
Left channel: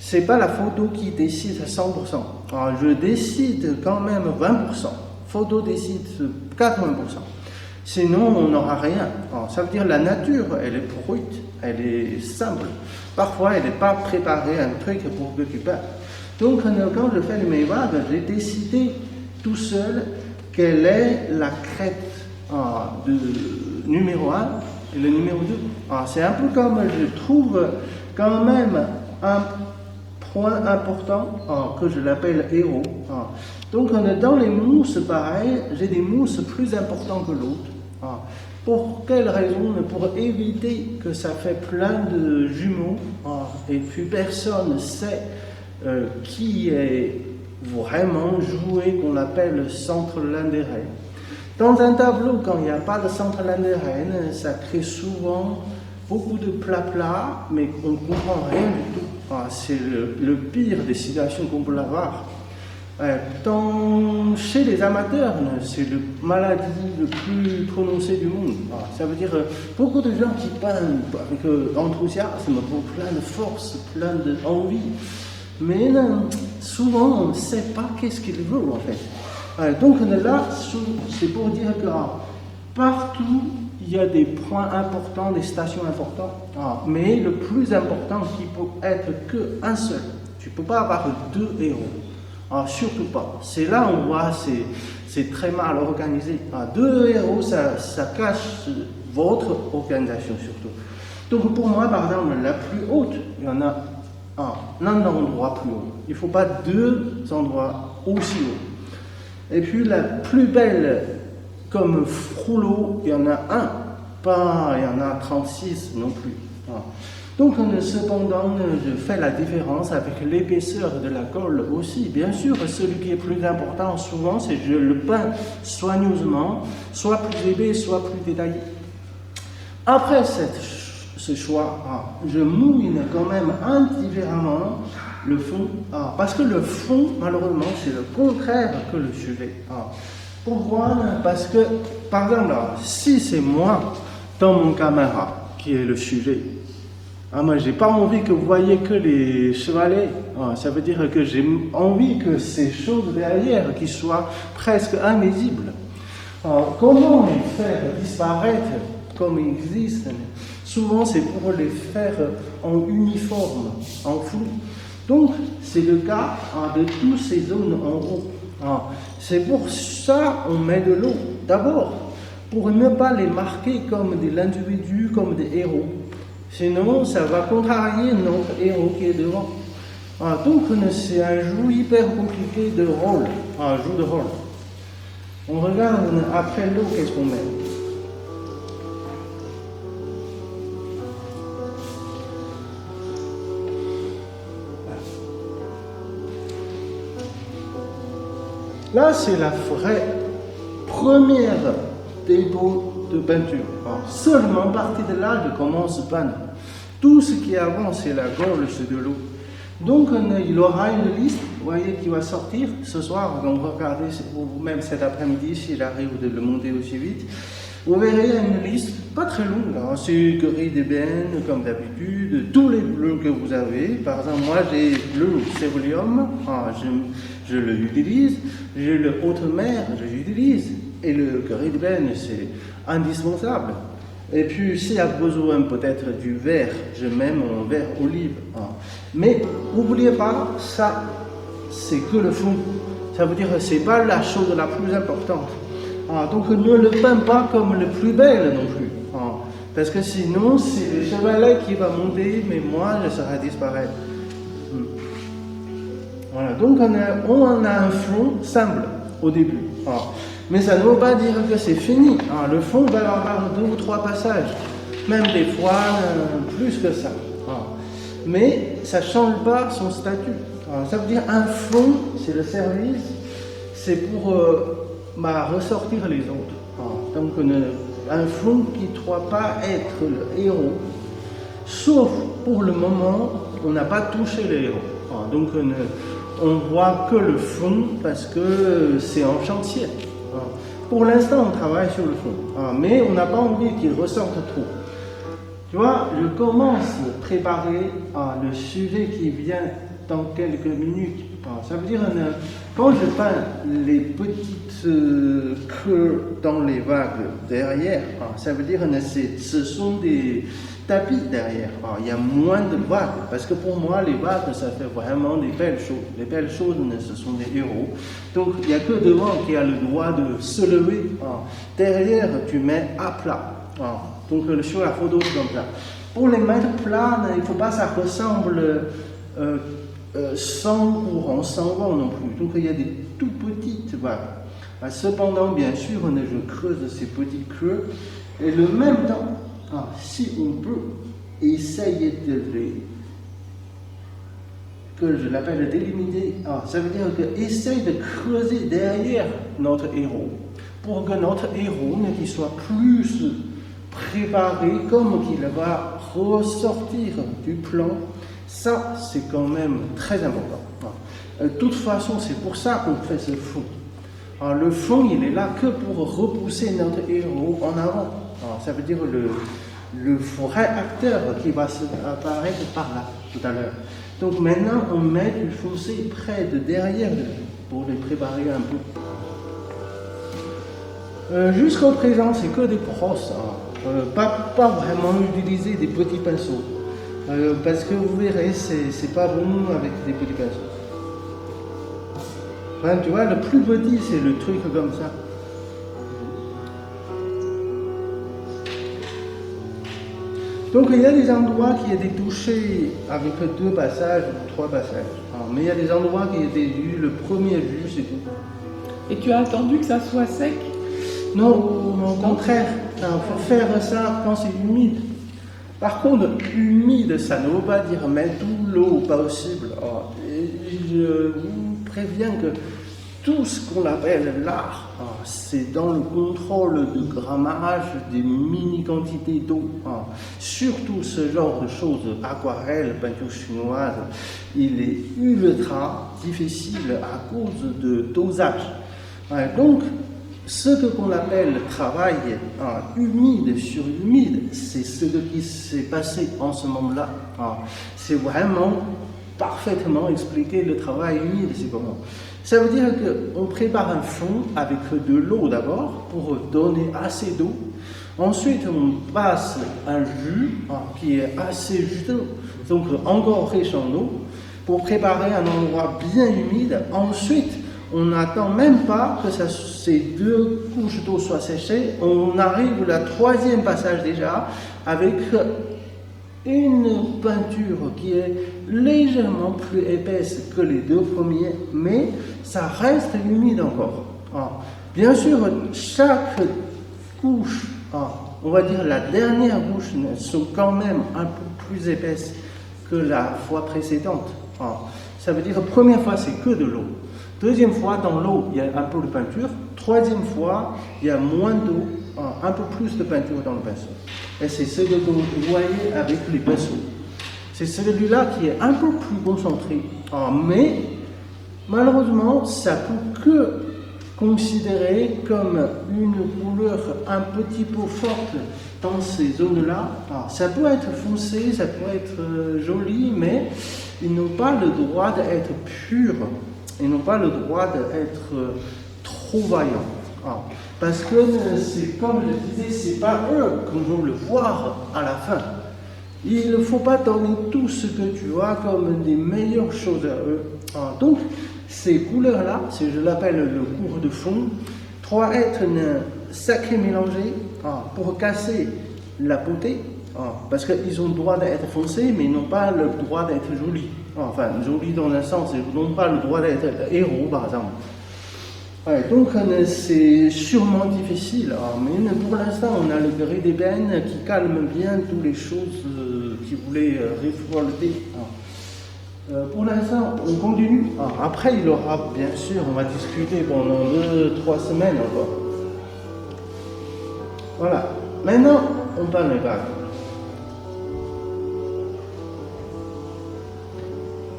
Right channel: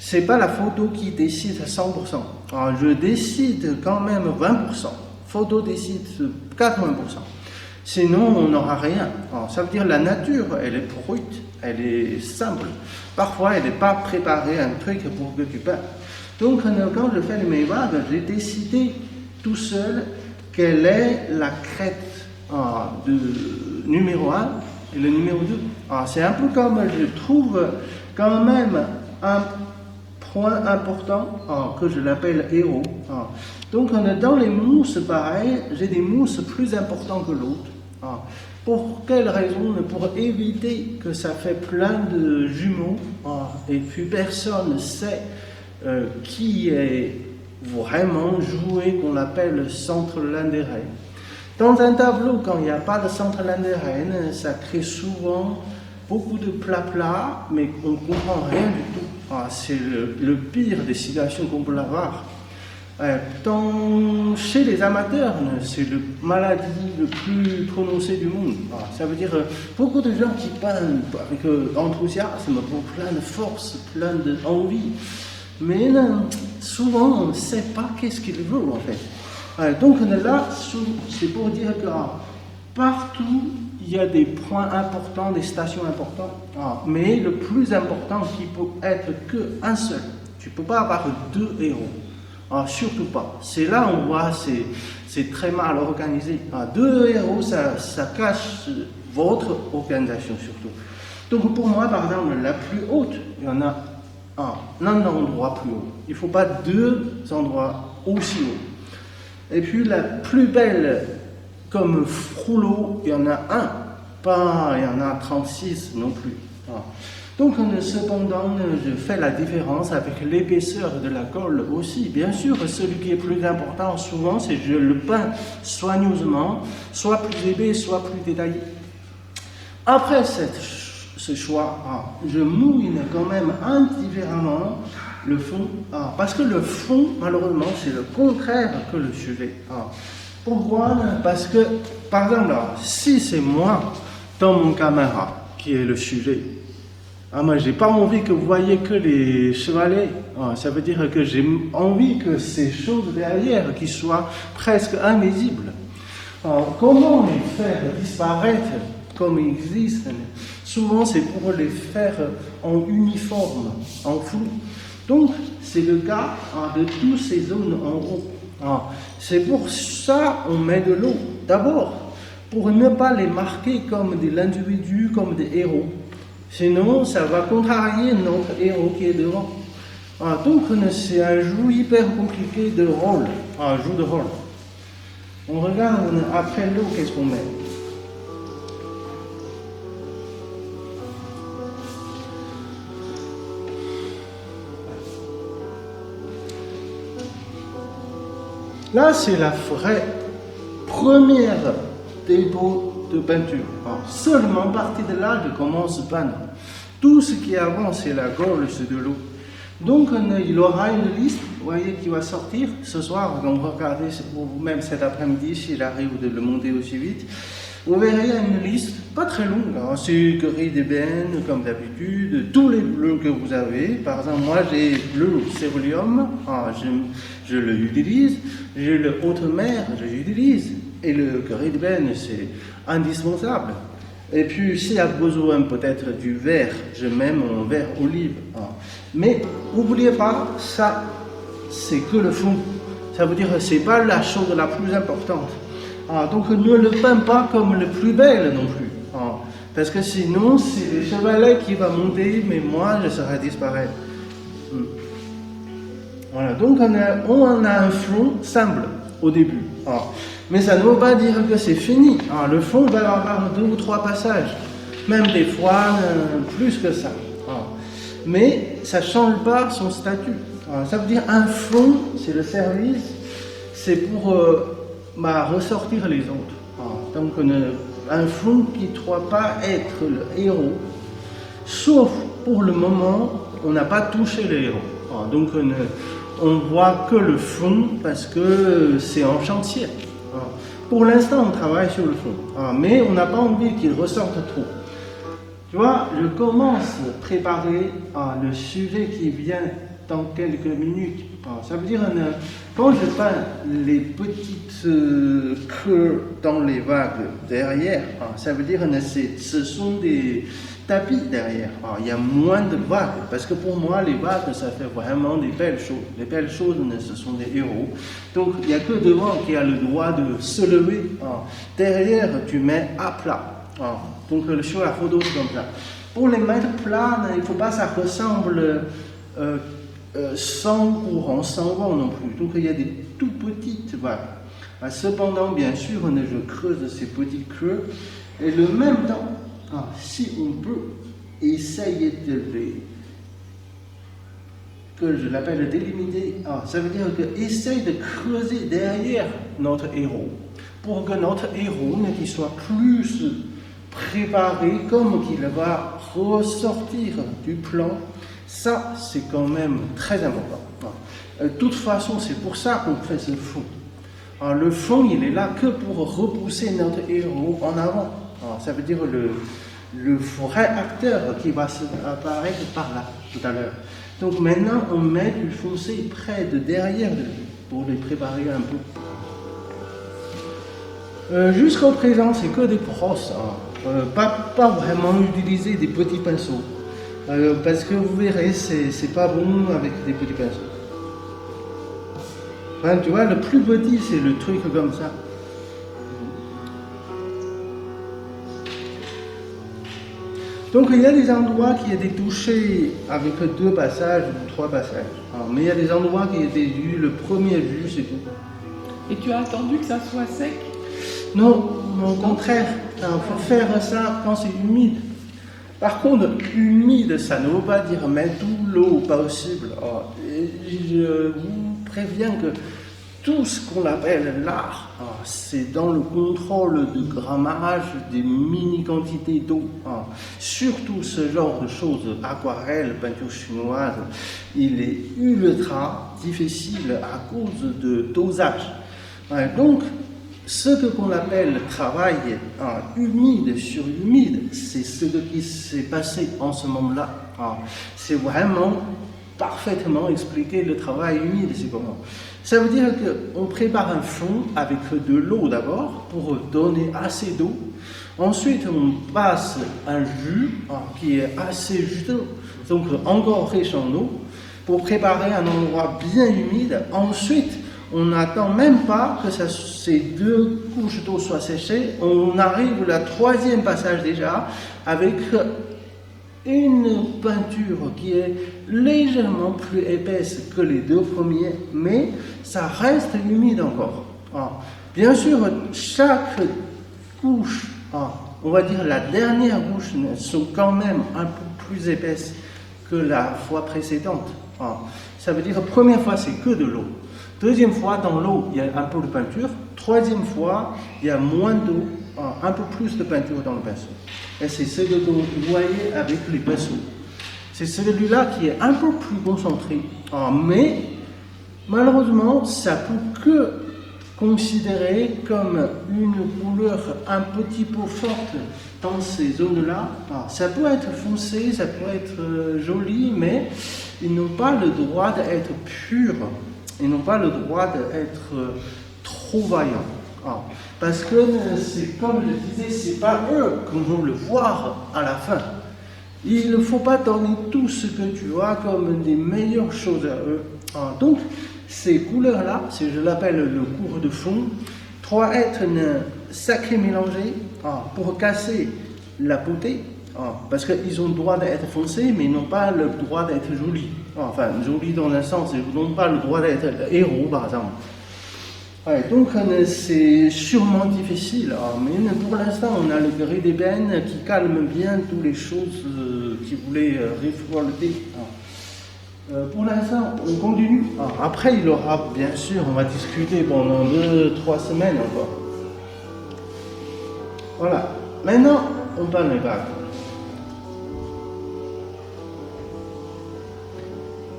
ce n'est pas la photo qui décide à 100%. Je décide quand même 20%. Photo décide 80%. Sinon, on n'aura rien. Ça veut dire la nature, elle est brute, elle est simple. Parfois, elle n'est pas préparée un truc pour que tu fasses. Donc, quand je fais mes vagues, j'ai décidé tout seul quelle est la crête de numéro 1 et le numéro 2. C'est un peu comme je trouve quand même un point important que je l'appelle héros. Donc, dans les mousses, pareil, j'ai des mousses plus importantes que l'autre. Pour quelle raison? Pour éviter que ça fait plein de jumeaux et puis personne ne sait qui est vraiment joué qu'on appelle centre l'intérêt. Dans un tableau, quand il n'y a pas de centre l'intérêt, ça crée souvent beaucoup de plats, mais on ne comprend rien du tout. C'est le pire des situations qu'on peut avoir. Chez les amateurs, c'est la maladie le plus prononcée du monde. Ça veut dire beaucoup de gens qui peignent avec enthousiasme, plein de force, plein d'envie. Mais souvent, on ne sait pas qu'est-ce qu'ils veulent en fait. Donc là, c'est pour dire que partout, il y a des points importants, des stations importantes. Mais le plus important, qui peut être qu'un seul. Tu ne peux pas avoir deux héros. Surtout pas. C'est là où on voit, c'est très mal organisé. Deux héros, ça cache votre organisation surtout. Donc pour moi, par exemple, la plus haute, il y en a un endroit plus haut. Il ne faut pas deux endroits aussi hauts. Et puis la plus belle, comme Frollo, il y en a un. Pas, il y en a 36 non plus. Donc, cependant, je fais la différence avec l'épaisseur de la colle aussi. Bien sûr, celui qui est plus important, souvent, c'est que je le peins soigneusement, soit plus épais, soit plus détaillé. Après ces choix, je mouline quand même indifféremment le fond, parce que le fond, malheureusement, c'est le contraire que le sujet. Pourquoi? Parce que, par exemple, si c'est moi, dans mon caméra, qui est le sujet, moi, j'ai pas envie que vous voyez que les chevalets. Ça veut dire que j'ai envie que ces choses derrière qui soient presque invisibles. Comment les faire disparaître comme ils existent? Souvent, c'est pour les faire en uniforme, en flou. Donc, c'est le cas de toutes ces zones en gros. C'est pour ça qu'on met de l'eau. D'abord, pour ne pas les marquer comme des individus, comme des héros. Sinon, ça va contrarier notre héros qui est devant. Donc, c'est un jeu hyper compliqué de rôle. Un jeu de rôle. On regarde, on a fait l'eau, qu'est-ce qu'on met? Là, c'est la vraie première dépôt de peinture. Alors, seulement à partir de là, il commence à peindre. Tout ce qui est avant, c'est la gaule, c'est de l'eau. Donc, il aura une liste, vous voyez, qui va sortir. Ce soir, on va regarder, ou même cet après-midi, s'il arrive de le monter aussi vite. Vous verrez une liste, pas très longue. C'est Corinne d'ébène, comme d'habitude, tous les bleus que vous avez. Par exemple, moi, j'ai bleu céruleum, je l'utilise. J'ai le haute mer, je l'utilise. Et le Corinne d'ébène, c'est indispensable. Et puis, s'il y a besoin peut-être du vert, je mets mon vert olive. Mais n'oubliez pas, ça, c'est que le fond. Ça veut dire que ce n'est pas la chose la plus importante. Donc, ne le peins pas comme le plus belle non plus. Parce que sinon, c'est le chevalet qui va monter, mais moi, je serai disparaître. Donc, on a un fond simple au début. Mais ça ne veut pas dire que c'est fini. Le fond va avoir 2 ou 3 passages, même des fois plus que ça. Mais ça ne change pas son statut. Ça veut dire un fond, c'est le service, c'est pour ressortir les autres. Donc un fond qui ne doit pas être le héros, sauf pour le moment, on n'a pas touché le héros. Donc on voit que le fond parce que c'est un chantier. Pour l'instant, on travaille sur le fond, mais on n'a pas envie qu'il ressorte trop. Tu vois, je commence à préparer le sujet qui vient dans quelques minutes. Ça veut dire, quand je peins les petites creux dans les vagues derrière, ça veut dire que ce sont des tapis derrière. Il y a moins de vagues, parce que pour moi, les vagues, ça fait vraiment des belles choses. Les belles choses, ce sont des héros. Donc, il n'y a que devant qui a le droit de se lever. Derrière, tu mets à plat. Donc, le choix à photo comme ça. Pour les mettre plats, il ne faut pas que ça ressemble sans courant, sans vent non plus. Donc, il y a des tout petites vagues. Cependant, bien sûr, je creuse ces petits creux. Et le même temps, si on peut, essayer que je l'appelle délimiter, ça veut dire essayer de creuser derrière notre héros, pour que notre héros il soit plus préparé, comme qu'il va ressortir du plan. Ça, c'est quand même très important. De toute façon, c'est pour ça qu'on fait ce fond. Le fond, il est là que pour repousser notre héros en avant. Ça veut dire le vrai acteur qui va s'y apparaître tout à l'heure. Donc maintenant, on met du fossé près de derrière nous pour les préparer un peu. Jusqu'au présent, c'est que des brosses. Pas vraiment utiliser des petits pinceaux. Parce que vous verrez, c'est pas bon avec des petits pinceaux. Tu vois, le plus petit, c'est le truc comme ça. Donc il y a des endroits qui étaient touchés avec 2 passages ou 3 passages. Mais il y a des endroits qui étaient vus, le premier vue, c'est tout. Et tu as attendu que ça soit sec? Non, au contraire, il faut faire ça quand c'est humide. Par contre, humide, ça ne veut pas dire mettre toute l'eau possible. Et je vous préviens que tout ce qu'on appelle l'art, c'est dans le contrôle du grammage des mini-quantités d'eau. Surtout ce genre de choses, aquarelle, peinture chinoise, il est ultra difficile à cause de dosage. Donc, ce qu'on appelle le travail humide sur humide, c'est ce qui s'est passé en ce moment-là. C'est vraiment parfaitement expliqué le travail humide, c'est comment. Ça veut dire qu'on prépare un fond avec de l'eau d'abord pour donner assez d'eau. Ensuite, on passe un jus qui est assez juteux, donc encore riche en eau, pour préparer un endroit bien humide. Ensuite, on n'attend même pas que ces 2 couches d'eau soient séchées. On arrive au 3e passage déjà avec une peinture qui est légèrement plus épaisse que les 2 premières, mais ça reste humide encore. Bien sûr, chaque couche, on va dire la dernière couche, sont quand même un peu plus épaisses que la fois précédente. Ça veut dire, première fois, c'est que de l'eau. Deuxième fois, dans l'eau, il y a un peu de peinture. Troisième fois, il y a moins d'eau, un peu plus de peinture dans le pinceau. Et c'est ce que vous voyez avec les pinceaux. C'est celui-là qui est un peu plus concentré. Mais, malheureusement, ça peut que considéré comme une couleur un petit peu forte dans ces zones-là. Ça peut être foncé, ça peut être joli, mais ils n'ont pas le droit d'être purs. Ils n'ont pas le droit d'être trop vaillants. Parce que c'est comme je disais, c'est pas eux qu'on veut le voir à la fin. Il ne faut pas donner tout ce que tu as comme des meilleures choses à eux. Donc, ces couleurs-là, je l'appelle le cours de fond, doit être le sacré mélangé pour casser la beauté. Parce qu'ils ont le droit d'être foncés, mais ils n'ont pas le droit d'être jolis. Enfin, jolis dans un sens, ils n'ont pas le droit d'être héros, par exemple. Donc, c'est sûrement difficile, mais pour l'instant, on a le gré d'ébène qui calme bien toutes les choses qui voulaient révolter. Pour l'instant, on continue. Après, il y aura, bien sûr, on va discuter pendant 2-3 semaines encore. Voilà. Maintenant, on parle de vagues.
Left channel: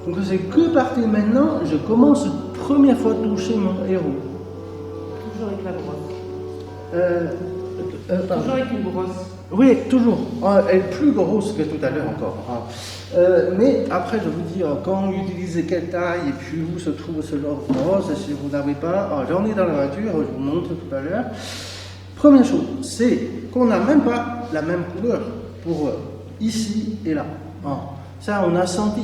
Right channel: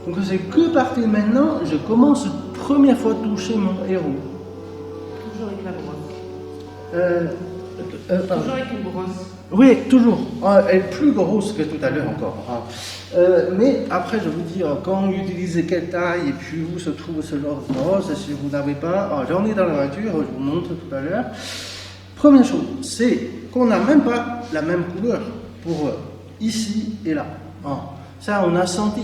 Donc, c'est qui parti maintenant? Je commence première fois à toucher mon héros. Toujours avec la brosse. Toujours avec une brosse. Oui, toujours. Elle est plus grosse que tout à l'heure encore. Mais après, je vous dis, quand on utilise quelle taille et puis où se trouve ce genre de brosse, si vous n'avez pas, j'en ai dans la voiture, je vous montre tout à l'heure. Première chose, c'est qu'on n'a même pas la même couleur pour ici et là. Ça, on a senti.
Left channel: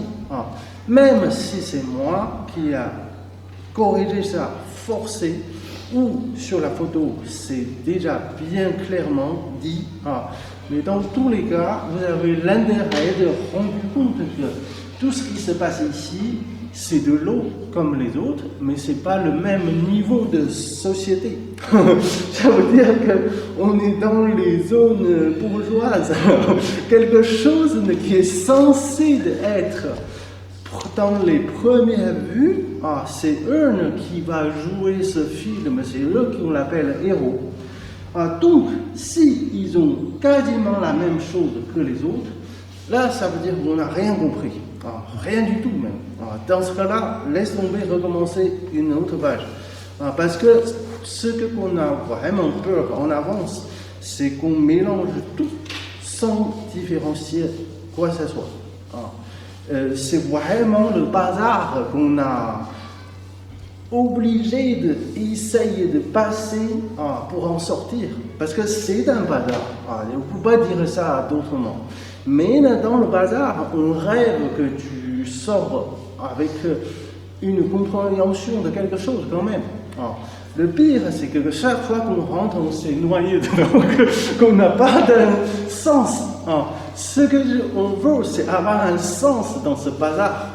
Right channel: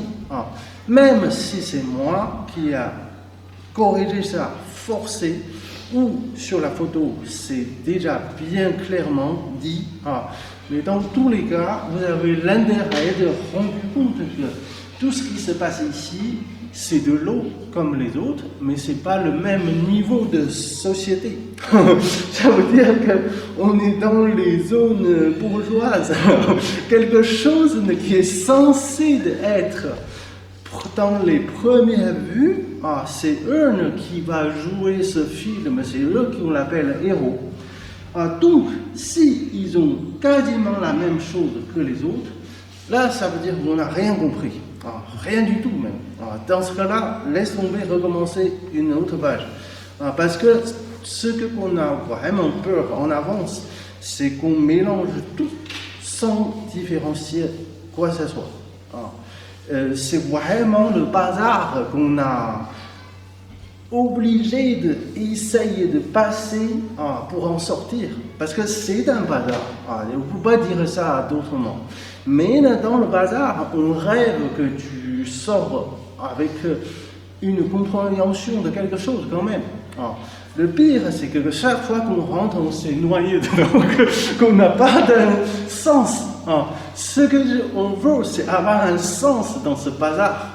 Même si c'est moi qui a corrigé ça, forcé, sur la photo, c'est déjà bien clairement dit. Mais dans tous les cas, vous avez l'intérêt de comprendre que tout ce qui se passe ici, c'est de l'eau comme les autres, mais ce n'est pas le même niveau de société. Ça veut dire qu'on est dans les zones bourgeoises. Quelque chose qui est censé être dans les premières vues, c'est eux qui va jouer ce film, c'est eux qu'on l'appelle héros. Donc, si ils ont quasiment la même chose que les autres, là, ça veut dire qu'on n'a rien compris. Rien du tout, même. Dans ce cas-là, laisse tomber, recommencer une autre page. Parce que ce qu'on a vraiment peur en avance, c'est qu'on mélange tout sans différencier quoi que ce soit. C'est vraiment le bazar qu'on a obligé d'essayer de passer pour en sortir. Parce que c'est un bazar. On ne peut pas dire ça à tout moment. Mais dans le bazar, on rêve que tu sors avec une compréhension de quelque chose quand même. Le pire, c'est que chaque fois qu'on rentre, on s'est éloigné qu'on n'a pas de sens. Ce que je veux, c'est avoir un sens dans ce bazar.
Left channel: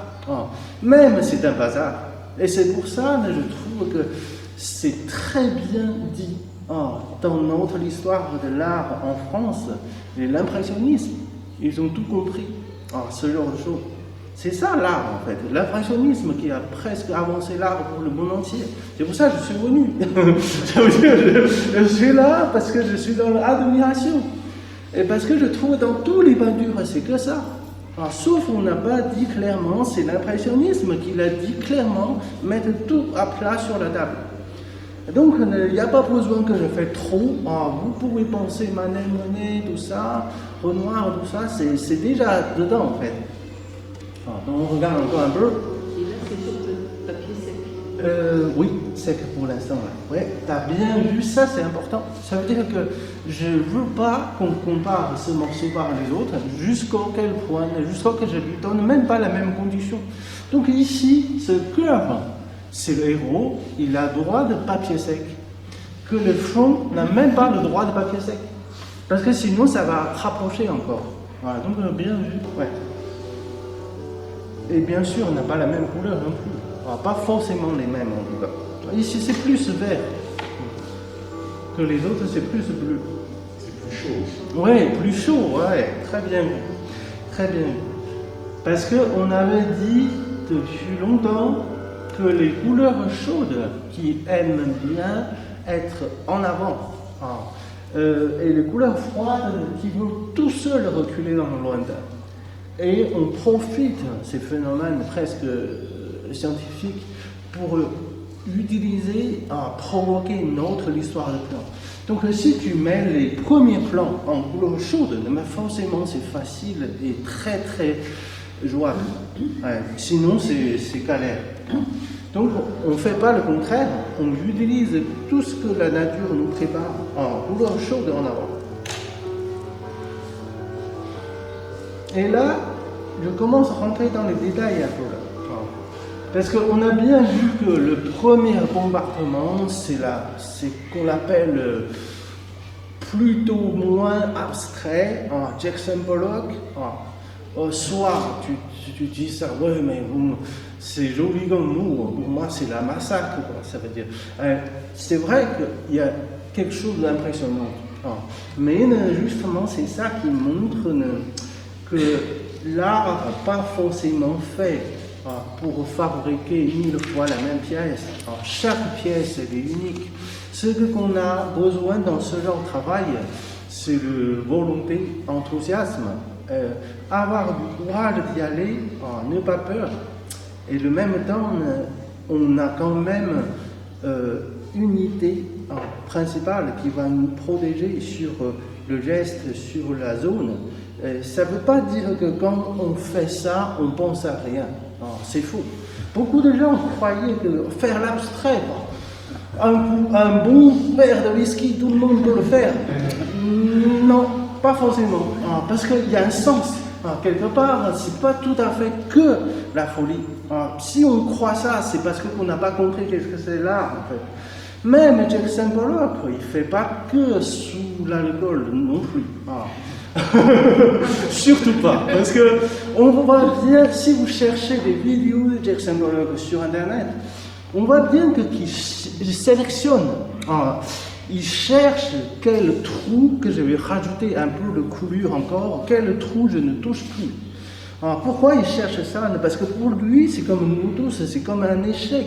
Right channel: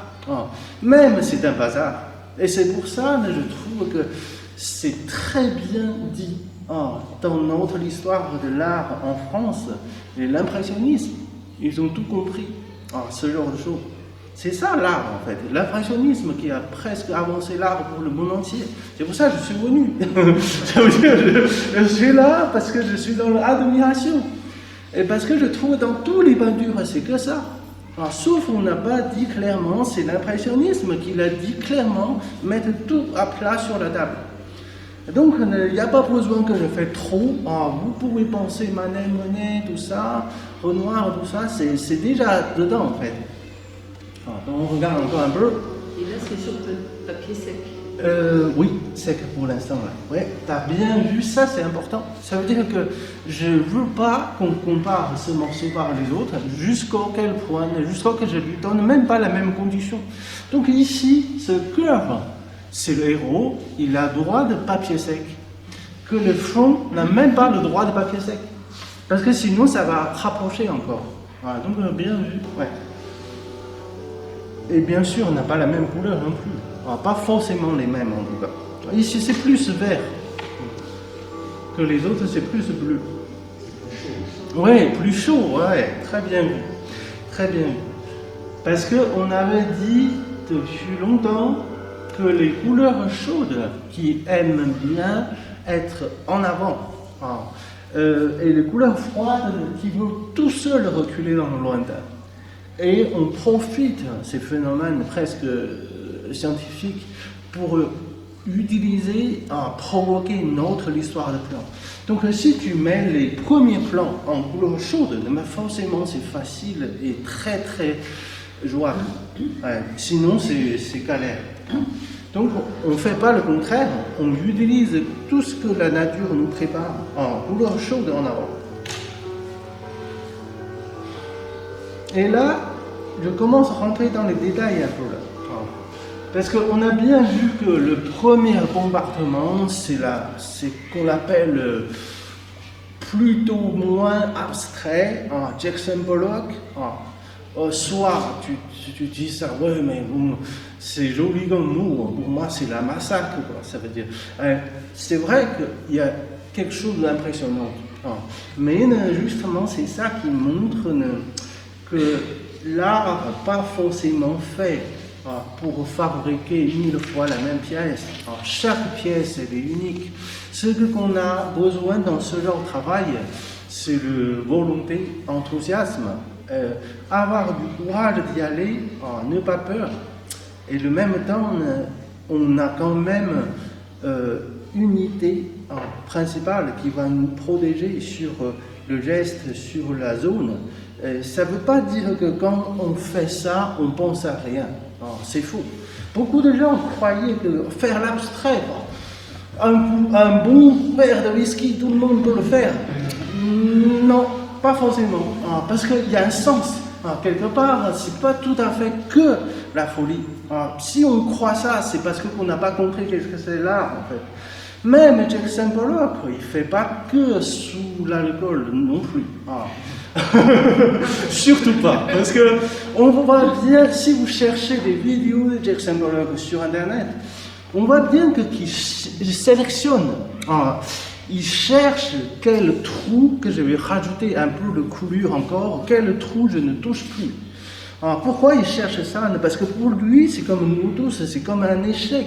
Même si c'est un bazar. Et c'est pour ça que je trouve que c'est très bien dit dans notre histoire de l'art en France, l'impressionnisme. Ils ont tout compris, ce genre de choses. C'est ça l'art en fait, l'impressionnisme qui a presque avancé l'art pour le monde entier. C'est pour ça que je suis venu. Je suis là parce que je suis dans l'admiration. Et parce que je trouve dans tous les peintures, c'est que ça. Sauf on n'a pas dit clairement, c'est l'impressionnisme qui l'a dit clairement, mettre tout à plat sur le tableau. Donc il n'y a pas besoin que je fasse trop. Vous pouvez penser Monet, tout ça, Renoir, tout ça, c'est déjà dedans en fait. On regarde encore un peu. Là, c'est sur le papier sec. Oui, sec pour l'instant. Ouais, t'as bien vu, ça c'est important. Ça veut dire que je ne veux pas qu'on compare ce morceau par les autres, jusqu'au quel point, jusqu'à que je ne lui donne même pas la même condition. Donc ici, c'est clair, c'est le héros, il a droit de papier sec. Que le fond n'a même pas le droit de papier sec. Parce que sinon, ça va rapprocher encore. Voilà, donc bien vu, ouais. Et bien sûr, on n'a pas la même couleur non plus. Pas forcément les mêmes en tout cas. Ici, c'est plus vert. Que les autres, c'est plus bleu. Oui, plus chaud, ouais. Très bien. Très bien. Parce qu'on avait dit depuis longtemps que les couleurs chaudes qui aiment bien être en avant, et les couleurs froides qui vont tout seuls reculer dans le lointain. Et on profite de ces phénomènes presque scientifiques pour utiliser, provoquer une autre histoire de plan. Donc si tu mets les premiers plans en couleur chaude, forcément c'est facile et très très jouable. Sinon c'est galère. Donc on ne fait pas le contraire, on utilise tout ce que la nature nous prépare en couleur chaude en avant. Et là, je commence à rentrer dans les détails. Parce qu'on a bien vu que le premier compartiment, c'est ce qu'on appelle plutôt moins abstrait, Jackson Pollock. Soit tu dis ça, ouais, mais c'est joli dans le mot, pour moi c'est la massacre, ça veut dire. C'est vrai qu'il y a quelque chose d'impressionnant. Mais justement, c'est ça qui montre que l'art n'est pas forcément fait pour fabriquer 1000 fois la même pièce. Chaque pièce est unique. Ce qu'on a besoin dans ce genre de travail, c'est de volonté, d'enthousiasme, avoir du courage d'y aller, ne pas peur. Et de même temps, on a quand même une unité principale qui va nous protéger sur le geste, sur la zone. Ça ne veut pas dire que quand on fait ça, on pense à rien. C'est fou. Beaucoup de gens croyaient que faire l'abstrait, un bon verre de whisky, tout le monde peut le faire. Non, pas forcément. Parce qu'il y a un sens. Quelque part, c'est pas tout à fait que la folie. Si on croit ça, c'est parce qu'on n'a pas compris qu'est-ce que c'est l'art, en fait. Même Jackson Pollock, il ne fait pas que sous l'alcool non plus. Surtout pas, parce que on voit bien, si vous cherchez des vidéos de Jackson Pollock sur internet, on voit bien qu'il sélectionne, il cherche quel trou que je vais rajouter un peu de coulure encore, quel trou je ne touche plus. Pourquoi il cherche ça? Parce que pour lui, c'est comme nous tous, c'est comme un échec.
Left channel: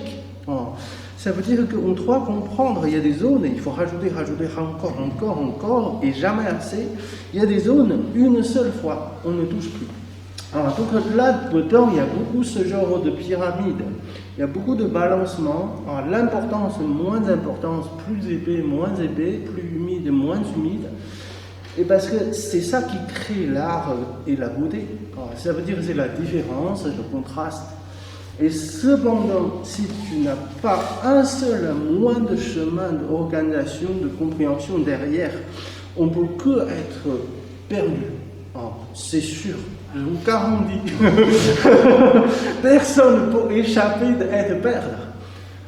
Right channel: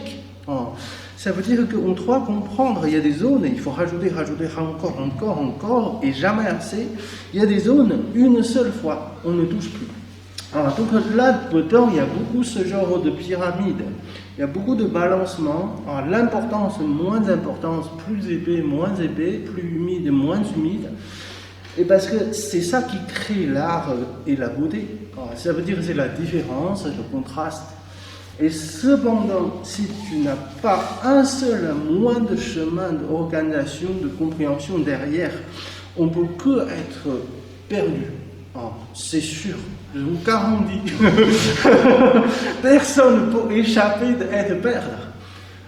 Ça veut dire qu'on doit comprendre, il y a des zones, il faut rajouter encore, et jamais assez. Il y a des zones, une seule fois, on ne touche plus. Donc là-dedans, il y a beaucoup ce genre de pyramide, il y a beaucoup de balancement, l'importance, moins importance, plus épais, moins épais, plus humide, moins humide. Et parce que c'est ça qui crée l'art et la beauté. Ça veut dire que c'est la différence, le contraste. Et cependant, si tu n'as pas un seul moindre chemin d'organisation, de compréhension derrière, on ne peut que être perdu. C'est sûr. Comme on dit, personne ne peut échapper d'être perdu.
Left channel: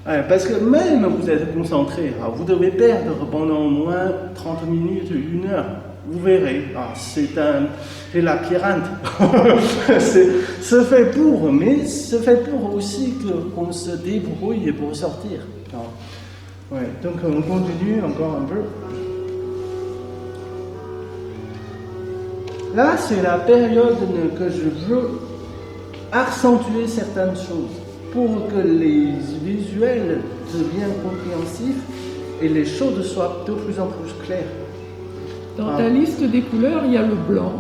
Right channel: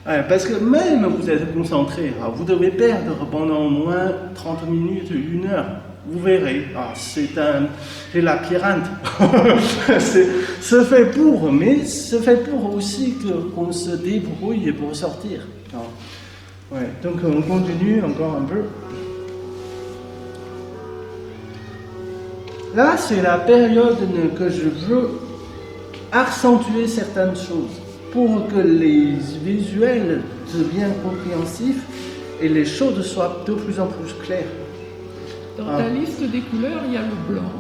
Parce que même vous êtes concentré, vous devez perdre pendant au moins 30 minutes, 1 heure. Vous verrez, c'est la labyrinthe. C'est fait pour, mais c'est fait pour aussi qu'on se débrouille pour sortir. Ouais, donc on continue encore un peu. Là, c'est la période que je veux accentuer certaines choses pour que les visuels deviennent compréhensifs et les choses soient de plus en plus claires. Dans ta liste des couleurs, il y a le blanc.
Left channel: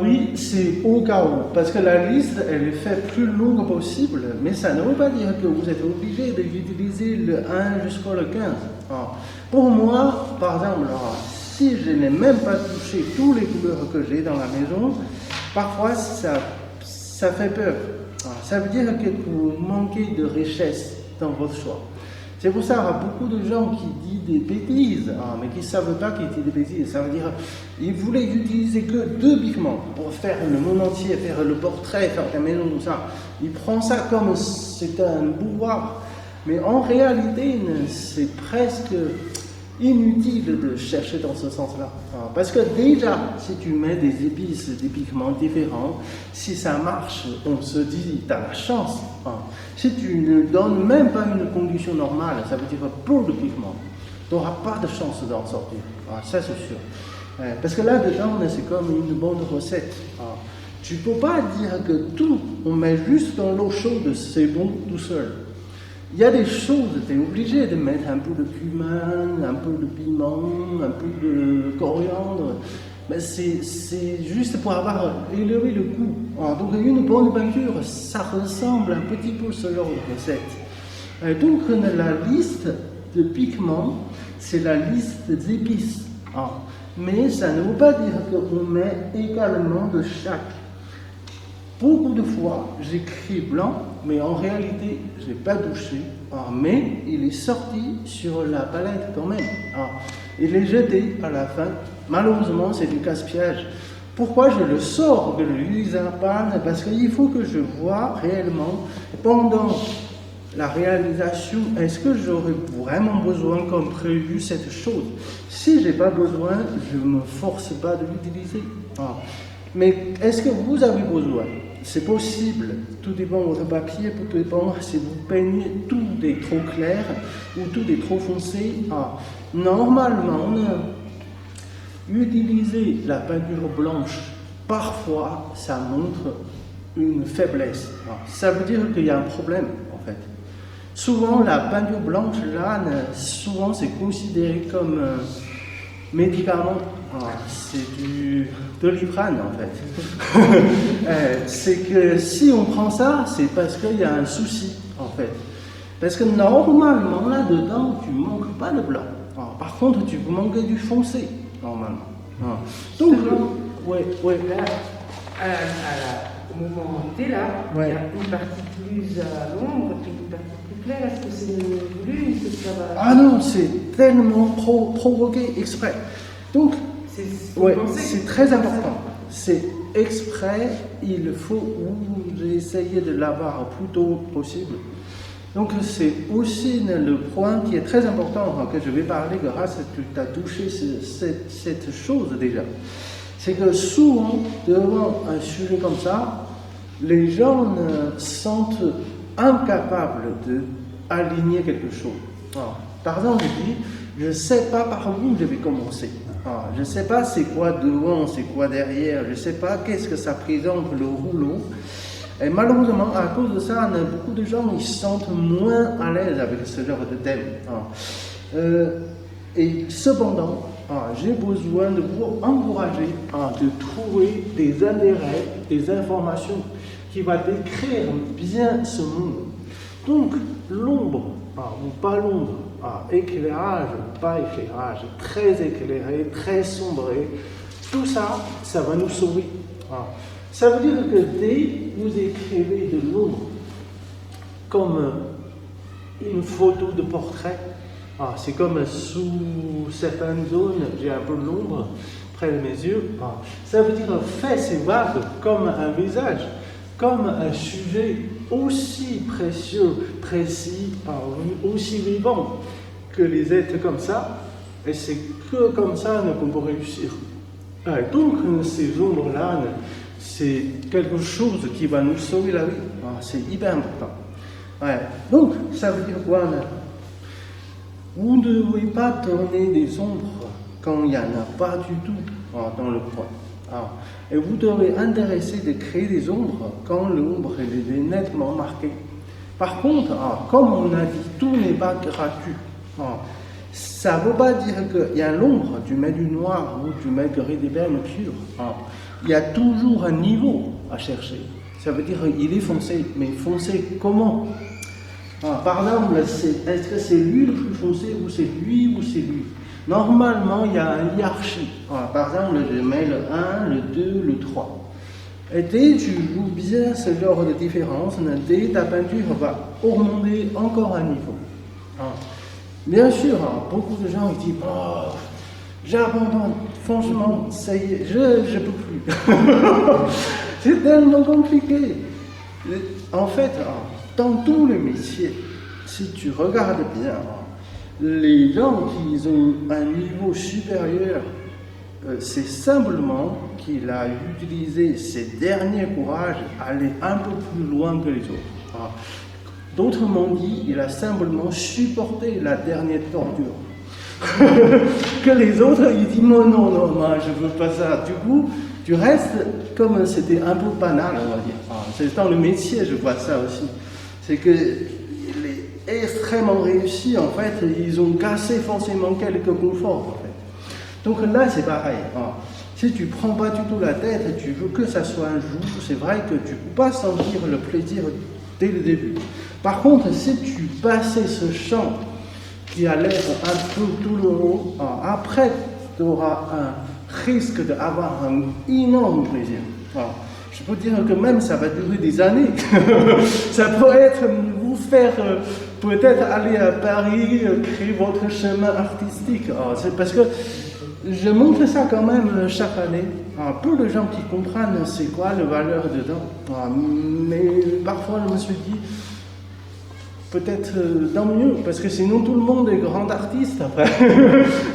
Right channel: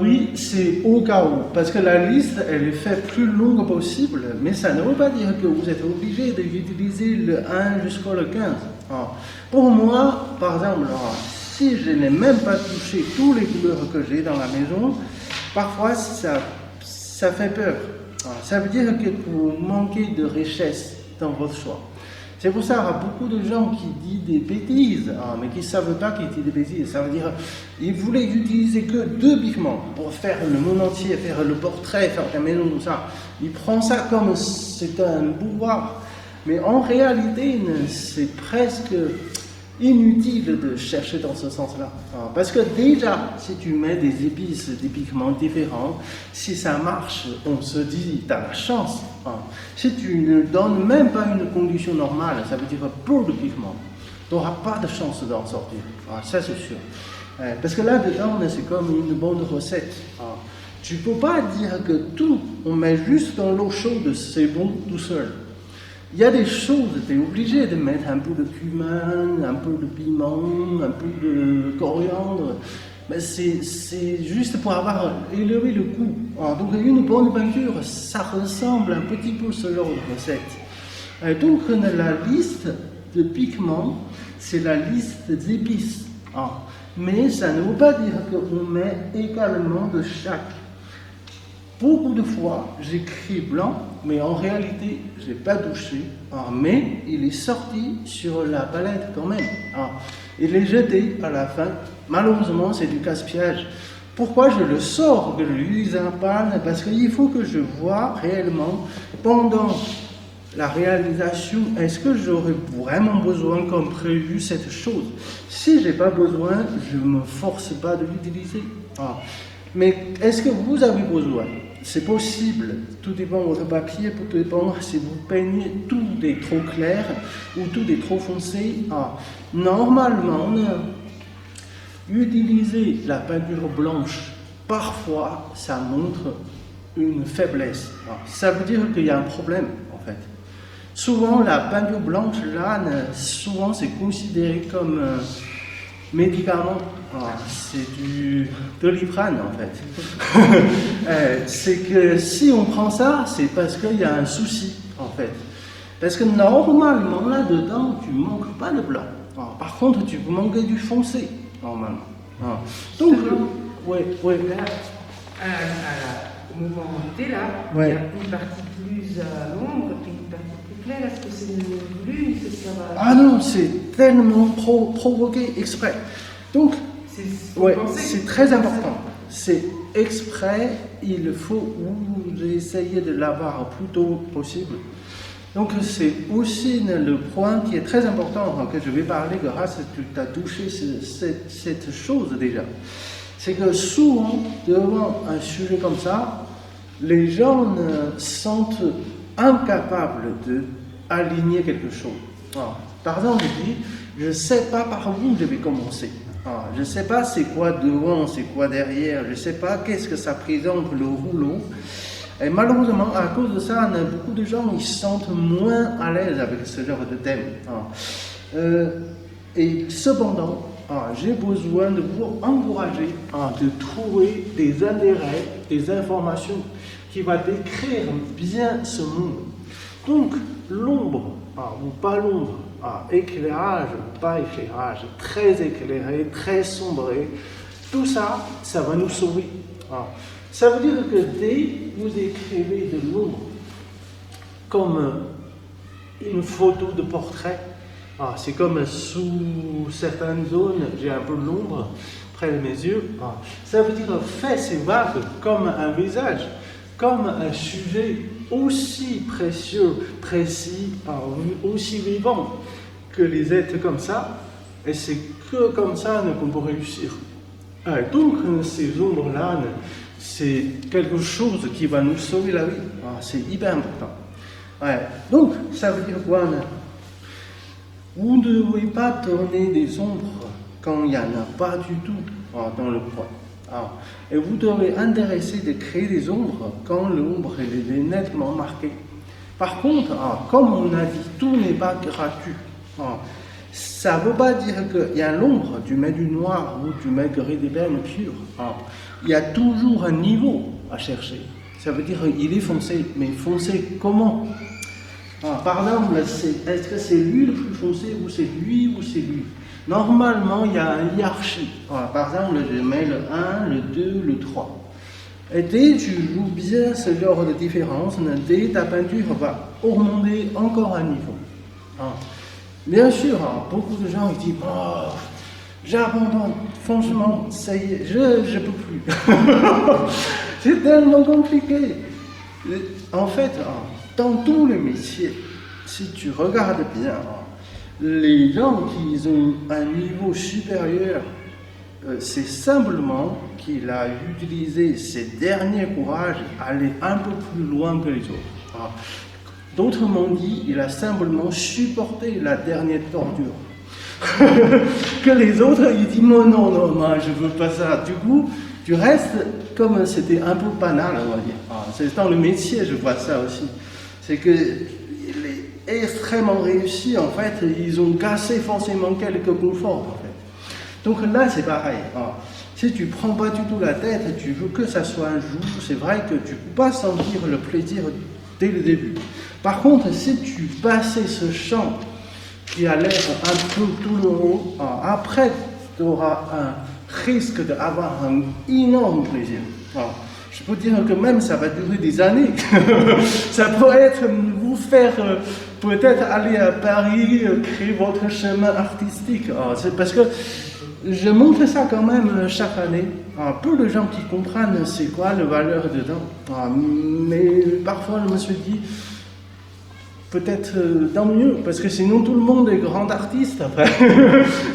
Oui, c'est au cas où, parce que la liste, elle est faite plus longue possible, mais ça ne veut pas dire que vous êtes obligé d'utiliser le 1 jusqu'au 15. Pour moi, par exemple, si je n'ai même pas touché toutes les couleurs que j'ai dans la maison, parfois ça fait peur. Ça veut dire que vous manquez de richesse dans votre choix. C'est pour ça qu'il y a beaucoup de gens qui disent des bêtises, mais qui ne savent pas qu'ils disent des bêtises. Ça veut dire qu'ils voulaient utiliser que 2 pigments pour faire le monde entier, faire le portrait, faire des mélanges, ça. Ils prennent ça comme c'est un pouvoir. Mais en réalité, c'est presque inutile de chercher dans ce sens-là. Parce que déjà, si tu mets des épices, des pigments différents, si ça marche, on se dit, t'as la chance. Si tu ne donnes même pas une condition normale, ça veut dire pour le pigment, tu auras peu de chance d'en sortir. Ça, c'est sûr. Parce que là, dedans, c'est comme une bonne recette. Tu ne peux pas dire que tout, on met juste dans l'eau chaude, c'est bon tout seul. Il y a des choses, tu es obligé de mettre un peu de cumin, un peu de piment, un peu de coriandre. Mais c'est juste pour avoir élevé le goût. Donc une bonne peinture, ça ressemble un petit peu selon une recette. Et donc la liste de pigments, c'est la liste d'épices. Mais ça ne veut pas dire qu'on met également de chaque. Beaucoup de fois, j'écris blanc, mais en réalité, je n'ai pas douché. Mais il est sorti sur la palette quand même. Il est jeté à la fin. Malheureusement, c'est du gaspillage. Pourquoi je le sors de l'huile à peindre? Parce qu'il faut que je vois réellement, pendant la réalisation, est-ce que j'aurais vraiment besoin, comme prévu, cette chose? Si je n'ai pas besoin, je ne me force pas de l'utiliser. Mais est-ce que vous avez besoin? C'est possible. Tout dépend de votre papier, tout dépend si vous peignez tout est trop clair ou tout est trop foncé. Normalement, utiliser la peinture blanche, parfois, ça montre une faiblesse. Ça veut dire qu'il y a un problème, en fait. Souvent, la peinture blanche, là, souvent, c'est considéré comme médicament. C'est du Doliprane, en fait. C'est que si on prend ça, c'est parce qu'il y a un souci, en fait. Parce que normalement, là-dedans, tu ne manques pas de blanc. Par contre, tu manques du foncé, normalement. Donc, oui. Au moment où tu es là, il y a une partie plus sombre et une partie plus claire. Est-ce que c'est le bleu? Ah non, c'est pleinement provoqué exprès. Donc, c'est très important. C'est exprès, il faut essayer de l'avoir au plus tôt possible. Donc, c'est aussi le point qui est très important que je vais parler grâce à ce que tu as touché sur cette chose déjà. C'est que souvent, devant un sujet comme ça, les gens sont incapables d'aligner quelque chose. Par exemple, je ne sais pas par où je vais commencer. Je ne sais pas c'est quoi devant, c'est quoi derrière. Je ne sais pas qu'est-ce que ça présente le rouleau. Et malheureusement, à cause de ça, on a beaucoup de gens qui se sentent moins à l'aise avec ce genre de thème. Et cependant, j'ai besoin de vous encourager de trouver des intérêts, des informations qui vont décrire bien ce monde. Donc, l'ombre, ou pas l'ombre, éclairage ou pas éclairage, très éclairé, très sombré, tout ça, ça va nous sauver. Ça veut dire que dès que vous écrivez de l'ombre, comme une photo de portrait, c'est comme sous certaines zones, il y a un peu d'ombre près de mes yeux. Ça veut dire en fait, c'est vague, comme un visage, comme un sujet aussi précieux, précis, aussi vivant que les êtres comme ça. Et c'est que comme ça qu'on peut réussir. Donc, ces ombres-là, c'est quelque chose qui va nous sauver la vie. C'est hyper important. Donc, ça veut dire quoi? Vous ne devez pas tourner des ombres quand il n'y en a pas du tout dans le groupe. Et vous devez intéresser de créer des ombres quand l'ombre est nettement marquée. Par contre, comme on a dit, tout n'est pas gratuit. Ça ne veut pas dire qu'il y a l'ombre, tu mets du noir ou tu mets gris du terme pur. Il y a toujours un niveau à chercher. Ça veut dire qu'il est foncé, mais foncé comment? Par exemple, est-ce que c'est lui le plus foncé ou c'est lui ou c'est lui? Normalement, il y a une hiérarchie. Par exemple, je mets le 1, le 2, le 3. Et dès que tu joues bien ce genre de différence, dès ta peinture va augmenter encore un niveau. Bien sûr, beaucoup de gens disent j'abandonne, franchement, ça y est, je ne peux plus. C'est tellement compliqué. En fait, dans tous les métiers, si tu regardes bien, les gens qui ont un niveau supérieur, c'est simplement qu'il a utilisé ses derniers courages à aller un peu plus loin que les autres. D'autrement dit, il a simplement supporté la dernière torture. Que les autres, ils disent non, je ne veux pas ça. Du coup, Du reste, comme c'était un peu banal, on va dire, c'est dans le métier, je vois ça aussi, c'est que les extrêmement réussis, en fait, ils ont cassé forcément quelques conforts. En fait. Donc là, c'est pareil. Si tu prends pas du tout la tête, tu veux que ça soit un jeu, c'est vrai que tu peux pas sentir le plaisir dès le début. Par contre, si tu passais ce chant qui a l'air un peu douloureux, après, tu auras un risque d'avoir un énorme plaisir. Je peux dire que même ça va durer des années. Ça peut être vous faire peut-être aller à Paris, créer votre chemin artistique. C'est parce que je montre ça quand même chaque année. Peu de gens qui comprennent c'est quoi la valeur dedans. Mais parfois je me suis dit, peut-être tant mieux, parce que sinon tout le monde est grand artiste.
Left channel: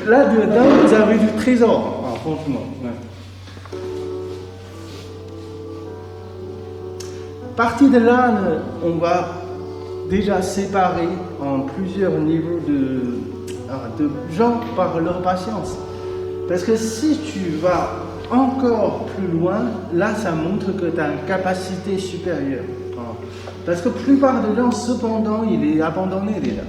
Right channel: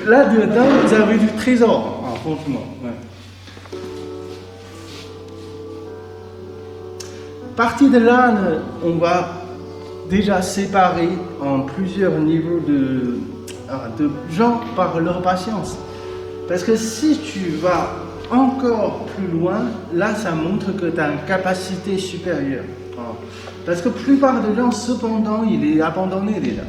Là dedans, vous avez du trésor, franchement. Partie de là, on va déjà séparer en plusieurs niveaux de gens par leur patience. Parce que si tu vas encore plus loin, là ça montre que tu as une capacité supérieure. Parce que la plupart des gens, cependant, il est abandonné déjà.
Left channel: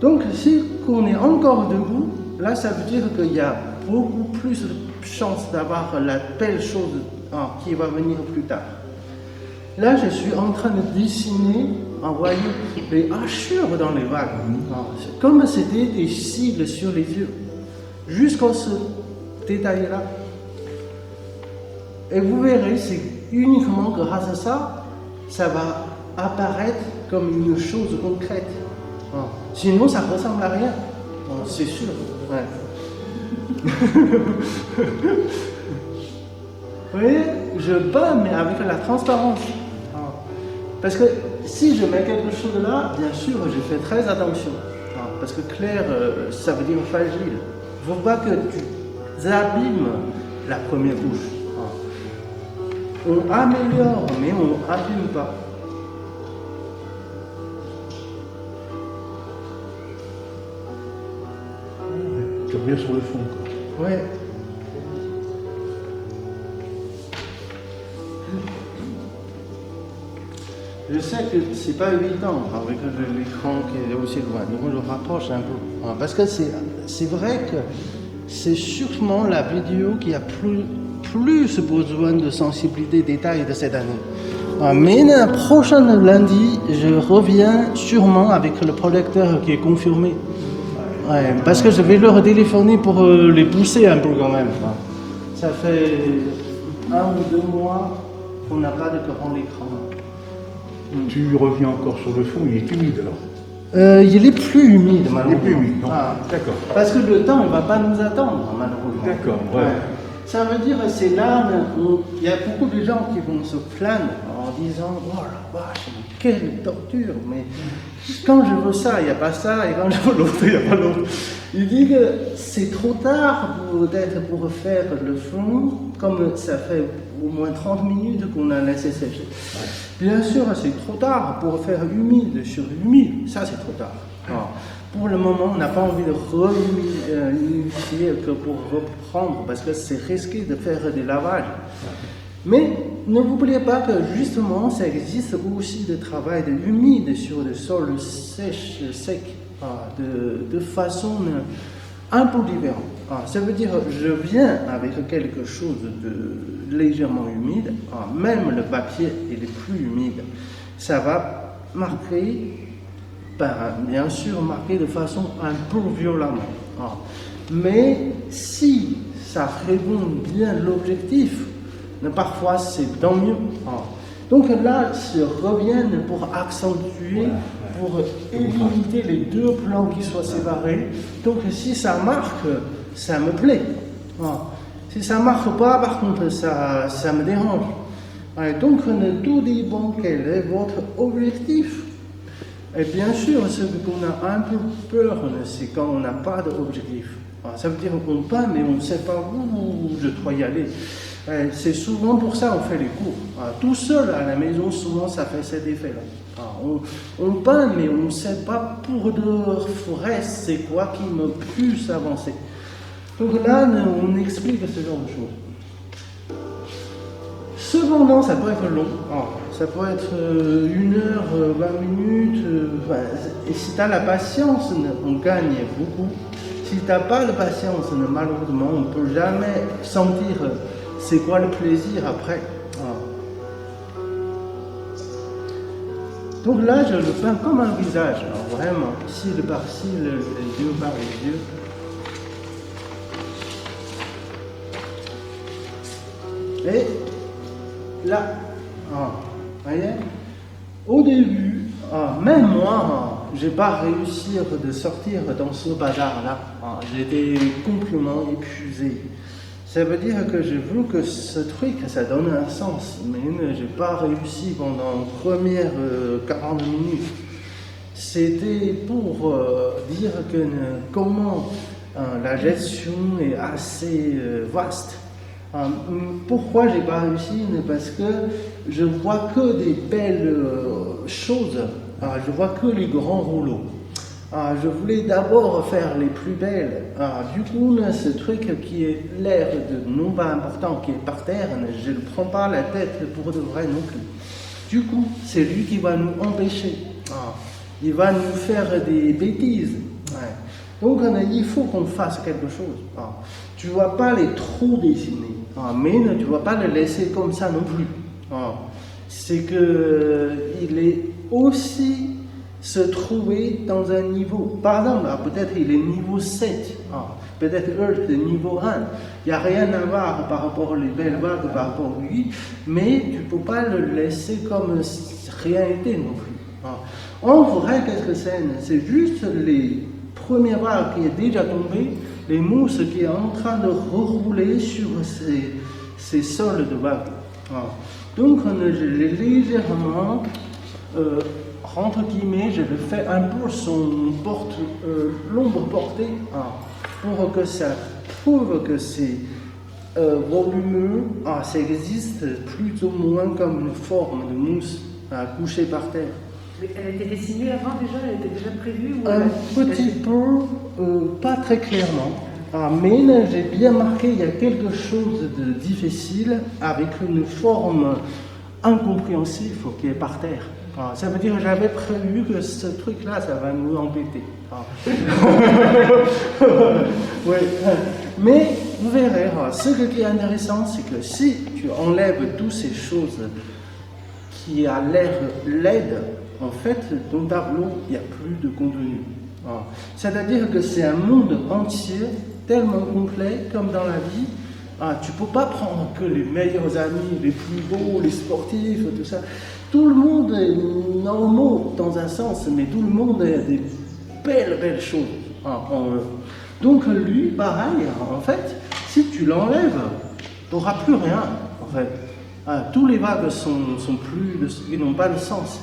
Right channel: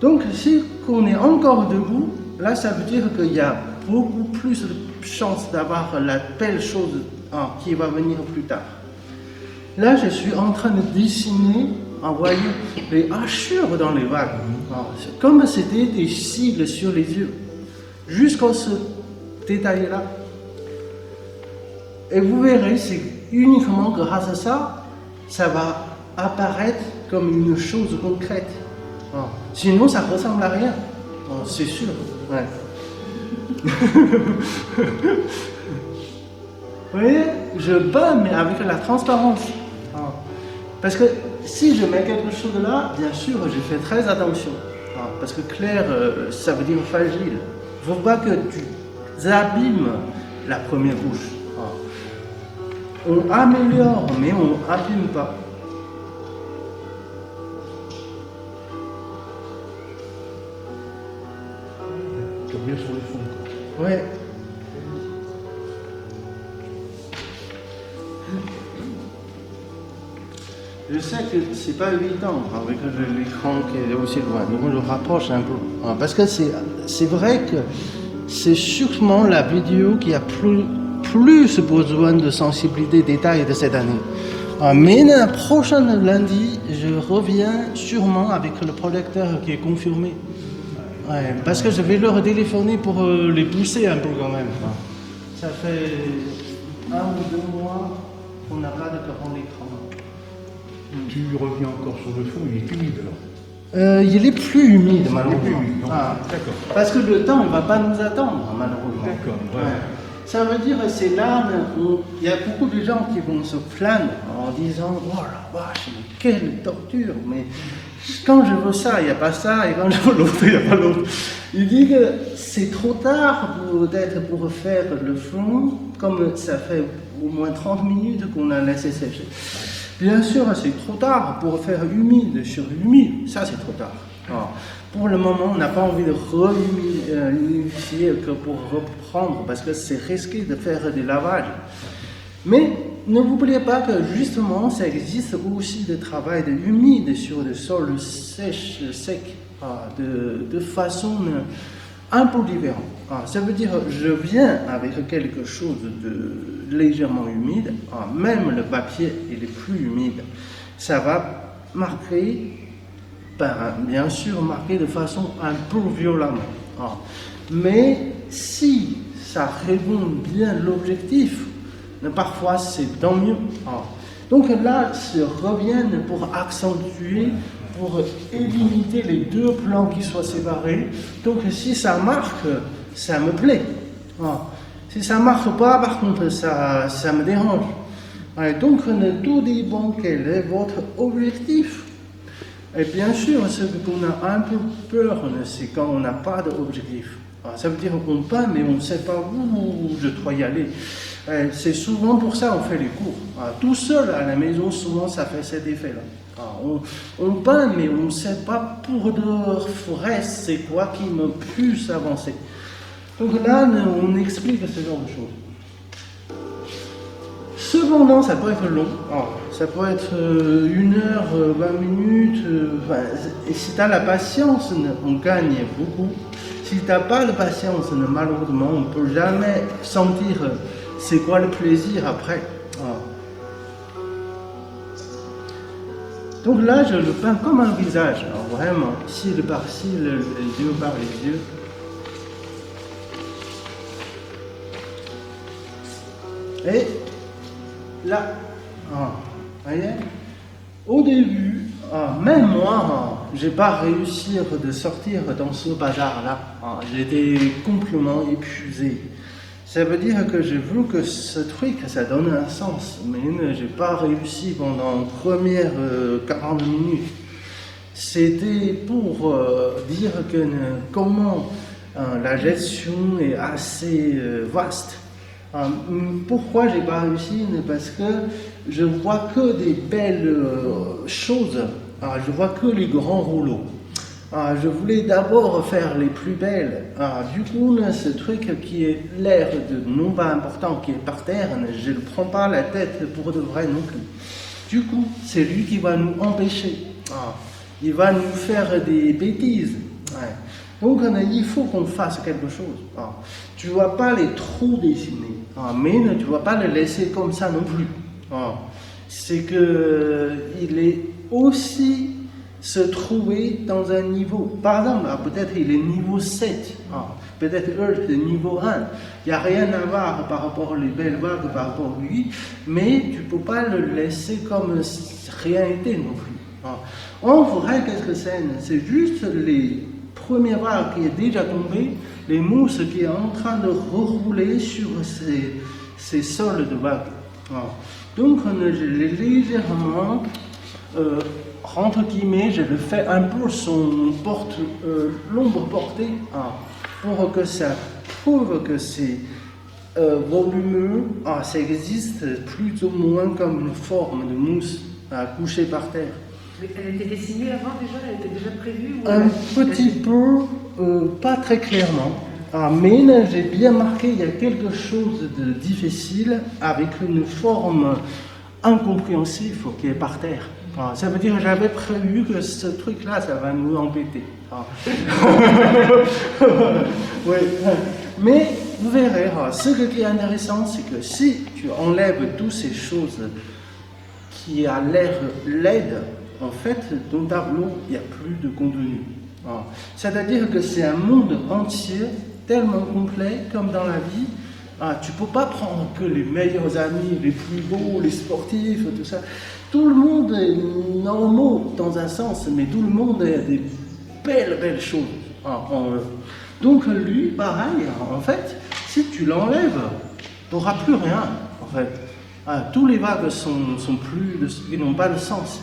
Donc si on est encore debout, là ça veut dire qu'il y a beaucoup plus de chances d'avoir la belle chose qui va venir plus tard. Là, je suis en train de dessiner, envoyer des brochures dans les vagues. C'est comme c'était des cibles sur les yeux, jusqu'à ce détail-là. Et vous verrez, c'est uniquement grâce à ça, ça va apparaître comme une chose concrète. Sinon, ça ne ressemble à rien. C'est sûr. Ouais. Oui, je peins, mais avec la transparence. Parce que si je mets quelque chose là, bien sûr, je fais très attention. Parce que clair, ça veut dire fragile. Je vois que tu abîmes la première couche. On améliore, mais on n'abîme pas. C'est bien sur le fond. Ouais. Je sais que c'est pas évident avec l'écran qui est aussi loin. Donc on le rapproche un peu. Parce que c'est vrai que c'est sûrement la vidéo qui a plus besoin de sensibilité détail de cette année. Mais le prochain lundi, je reviens sûrement avec le producteur qui est confirmé. Ouais, parce que je vais leur téléphoner pour les pousser un peu quand même. Ça fait 1 ou 2 mois qu'on n'a pas de grand écran. Tu reviens encore sur le fond, il est humide alors. Il est plus humide maintenant. Il est plus humide, d'accord. Parce que le temps ne va pas nous attendre, malheureusement. D'accord, voilà. Ça veut dire que c'est là où il y a beaucoup de gens qui vont se plaindre en disant « Oh la vache, mais quelle torture !» Mais quand je veux ça, il n'y a pas ça, et quand je veux l'autre, il n'y a pas l'autre. Je dis que c'est trop tard pour faire le fond, comme ça fait au moins 30 minutes qu'on a laissé sécher. Bien sûr, c'est trop tard pour faire humide sur humide, ça c'est trop tard. Pour le moment, on n'a pas envie de humidifier que pour reprendre, parce que c'est risqué de faire des lavages. Mais ne vous oubliez pas que justement, ça existe aussi le travail de humide sur le sol sec, de façon un peu différente. Ça veut dire que je viens avec quelque chose de légèrement humide, même le papier est plus humide. Ça va marquer, bien sûr, marquer de façon un peu violente. Mais si ça répond bien l'objectif, parfois c'est tant mieux. Donc là, je reviens pour accentuer, pour éviter les deux plans qui sont séparés. Donc si ça marche, ça me plaît. Si ça ne marche pas, par contre, ça me dérange. Donc tout dépend quel est votre objectif. Et bien sûr, ce qu'on a un peu peur, c'est quand on n'a pas d'objectif. Ça veut dire qu'on peint, mais on ne sait pas où je dois y aller. C'est souvent pour ça qu'on fait des cours. Tout seul à la maison, souvent ça fait cet effet. On peint, mais on ne sait pas pour de reste, c'est quoi qui me plus avancer. Donc là, on explique ce genre de choses. Cependant, ça peut être long. Ça peut être 1 heure, 20 minutes. Voilà. Si tu as la patience, on gagne beaucoup. Si tu n'as pas de patience, malheureusement, on ne peut jamais sentir c'est quoi le plaisir après. Donc là, je le peins comme un visage. Vraiment, ici de par-ci, les yeux par les yeux. Et là, vous voyez, au début, même moi, j'ai pas réussi de sortir dans ce bazar-là. J'étais complètement épuisé. Ça veut dire que j'ai vu que ce truc, ça donne un sens, mais j'ai pas réussi pendant les premières 40 minutes. C'était pour dire que comment la gestion est assez vaste. Pourquoi j'ai pas réussi? Parce que je vois que des belles choses. Je vois que les grands rouleaux. Je voulais d'abord faire les plus belles. Du coup, ce truc qui est l'air de non pas important, qui est par terre, je ne prends pas la tête pour le vrai non plus. Du coup, c'est lui qui va nous empêcher. Il va nous faire des bêtises. Donc, il faut qu'on fasse quelque chose. Tu ne vas pas les trouver, mais tu ne vas pas le laisser comme ça non plus. C'est qu'il est aussi se trouver dans un niveau. Par exemple, peut-être qu'il est niveau 7. Peut-être que c'est niveau 1. Il n'y a rien à voir par rapport aux belles vagues, par rapport à lui, mais tu ne peux pas le laisser comme si rien n'était non plus. On voudrait quelques scènes, c'est juste les premières vagues qui est déjà tombées, les mousses qui est en train de rouler sur ces sols de vagues. Donc, je l'ai légèrement, entre guillemets, je lui fais un peu son l'ombre portée pour que ça prouve que c'est volumineux, ça existe plus ou moins comme une forme de mousse couchée par terre. Elle a été dessinée avant déjà, il était déjà prévu? Un petit peu, pas très clairement, mais j'ai bien marqué, il y a quelque chose de difficile avec une forme incompréhensible qui est par terre. Ça veut dire que j'avais prévu que ce truc-là, ça va nous embêter. Mais vous verrez, ce qui est intéressant, c'est que si tu enlèves toutes ces choses qui a l'air laid, en fait, dans ta tableau, il n'y a plus de contenu. C'est-à-dire que c'est un monde entier tellement complet comme dans la vie. Tu ne peux pas prendre que les meilleurs amis, les plus beaux, les sportifs, tout ça. Tout le monde est normal dans un sens, mais tout le monde a des belles choses. Donc lui, pareil, en fait, si tu l'enlèves, tu n'auras plus rien, en fait. Tous les vagues ils n'ont pas de sens.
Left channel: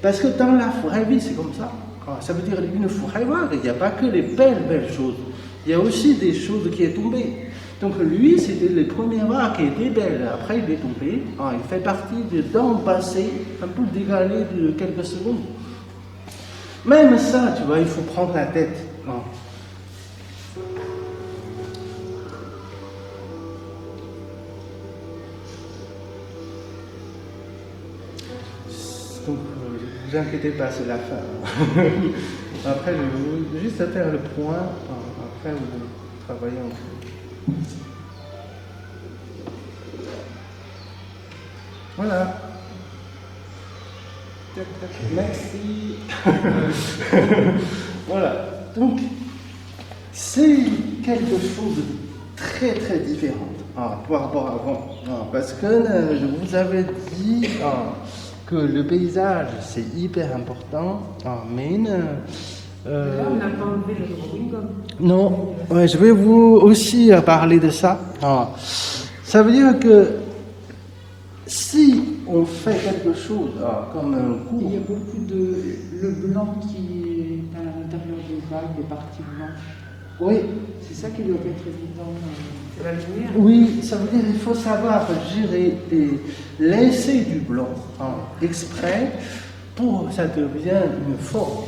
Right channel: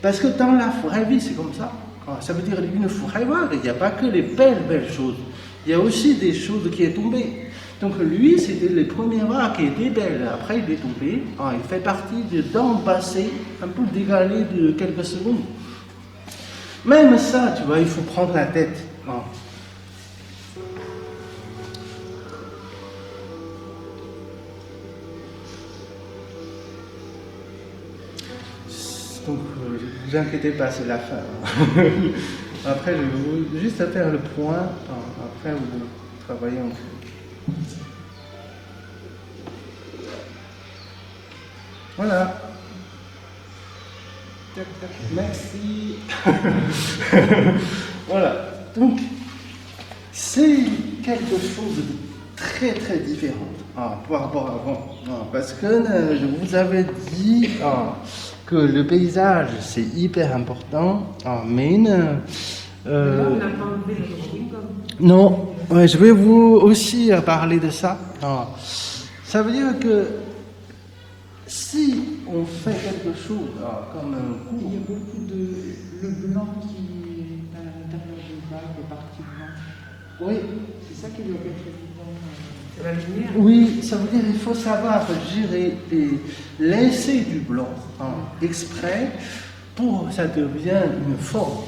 Parce que dans la vraie vie, c'est comme ça. Ça veut dire une vraie vague, il n'y a pas que les belles choses. Il y a aussi des choses qui sont tombées. Donc lui, c'était les premières vagues qui étaient belles. Après, il est tombé. Il fait partie du temps passé, un peu dévalé de quelques secondes. Même ça, tu vois, il faut prendre la tête. Donc, ne vous inquiétez pas, c'est la fin. Après, je vais juste faire le point. Après, vous travaillez encore. Voilà. Merci. Voilà. Donc, c'est quelque chose de très très différent par rapport à avant. Parce que je vous avais dit que le paysage c'est hyper important, mais non, ouais, je vais vous aussi parler de ça. Ça veut dire que si on fait quelque chose comme un cours, il y a beaucoup de blanc qui est à l'intérieur du blanc, des parties blanches. oui. C'est ça qui doit être le la lumière. Oui, ça veut dire qu'il faut savoir gérer et laisser du blanc exprès pour que ça devienne une forme.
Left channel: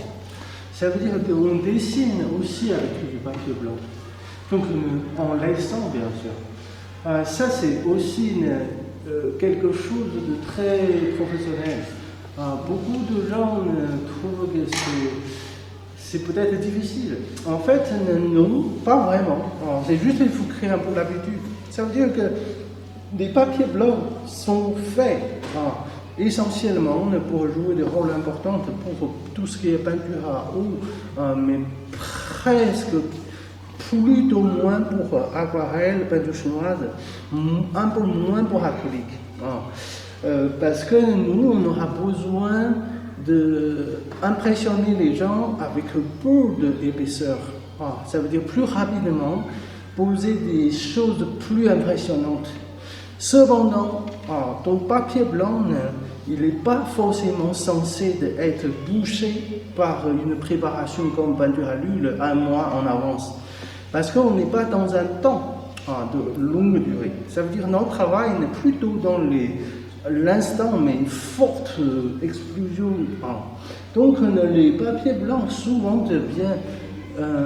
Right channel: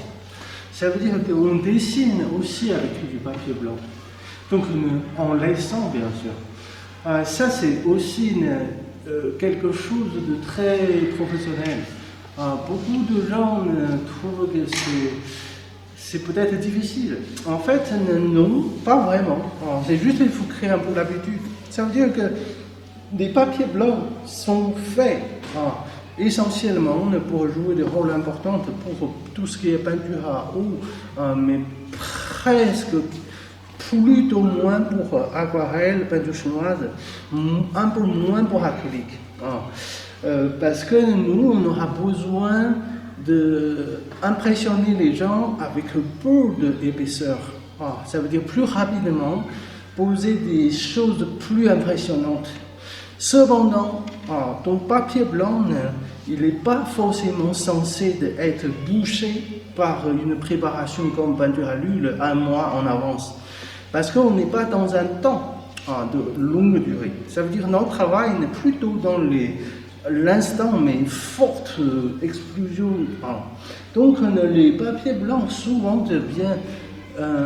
Ça veut dire qu'on dessine aussi avec du papier blanc. Donc en laissant bien sûr. Ça c'est aussi quelque chose de très professionnel. Beaucoup de gens trouvent que c'est peut-être difficile. En fait, non, pas vraiment. C'est juste qu'il faut créer un peu d'habitude. Ça veut dire que les papiers blancs sont faits essentiellement pour jouer des rôles importants pour tout ce qui est peinture à eau, mais presque plutôt moins pour aquarelle, peinture chinoise, un peu moins pour acrylique. Parce que nous, on aura besoin d'impressionner les gens avec beaucoup d'épaisseur. Ça veut dire plus rapidement, poser des choses plus impressionnantes. Cependant, ton papier blanc, il n'est pas forcément censé être bouché par une préparation comme peinture à l'huile un mois en avance. Parce qu'on n'est pas dans un temps de longue durée. Ça veut dire que notre travail est plutôt dans l'instant, mais une forte explosion. Donc les papiers blancs souvent deviennent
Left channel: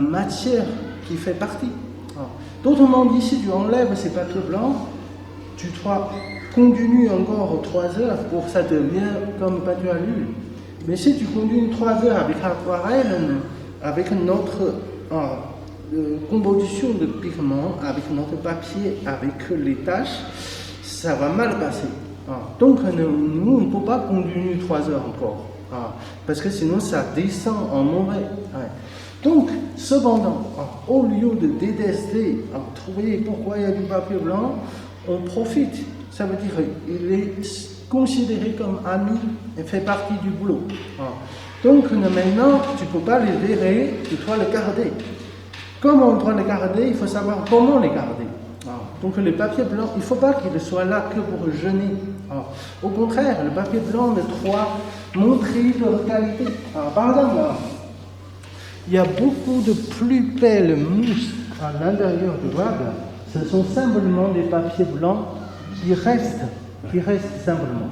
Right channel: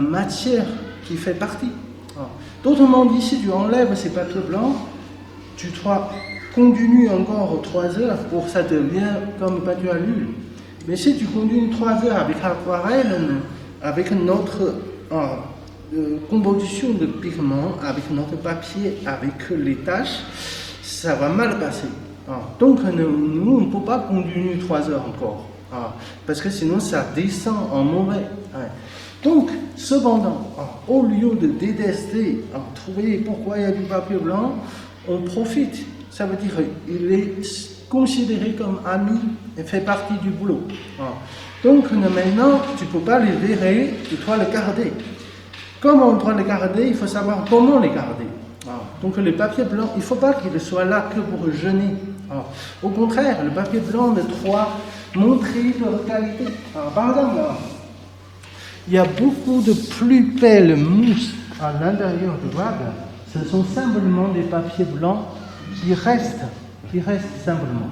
matière qui fait partie. Tout le monde dit si tu enlèves ces papiers blancs, tu continues encore 3 heures pour que ça devienne comme peinture à l'huile. Mais si tu continues 3 heures avec l'aquarelle, avec notre composition de pigments, avec notre papier, avec les taches, ça va mal passer. Donc nous, on ne peut pas continuer 3 heures encore. Parce que sinon, ça descend en mauvais. Donc, cependant, au lieu de détester, trouver pourquoi il y a du papier blanc, on profite. Ça veut dire qu'il est considéré comme ami et fait partie du boulot. Donc maintenant, tu ne peux pas les verrer, tu dois les garder. Comment on doit les garder? Il faut savoir comment les garder. Donc les papiers blancs, il ne faut pas qu'ils soient là que pour jeûner. Au contraire, le papier blanc doit montrer leur qualité. Par exemple, il y a beaucoup de plus belles mousses à l'intérieur du garde. Ce sont simplement des papiers blancs qui restent simplement.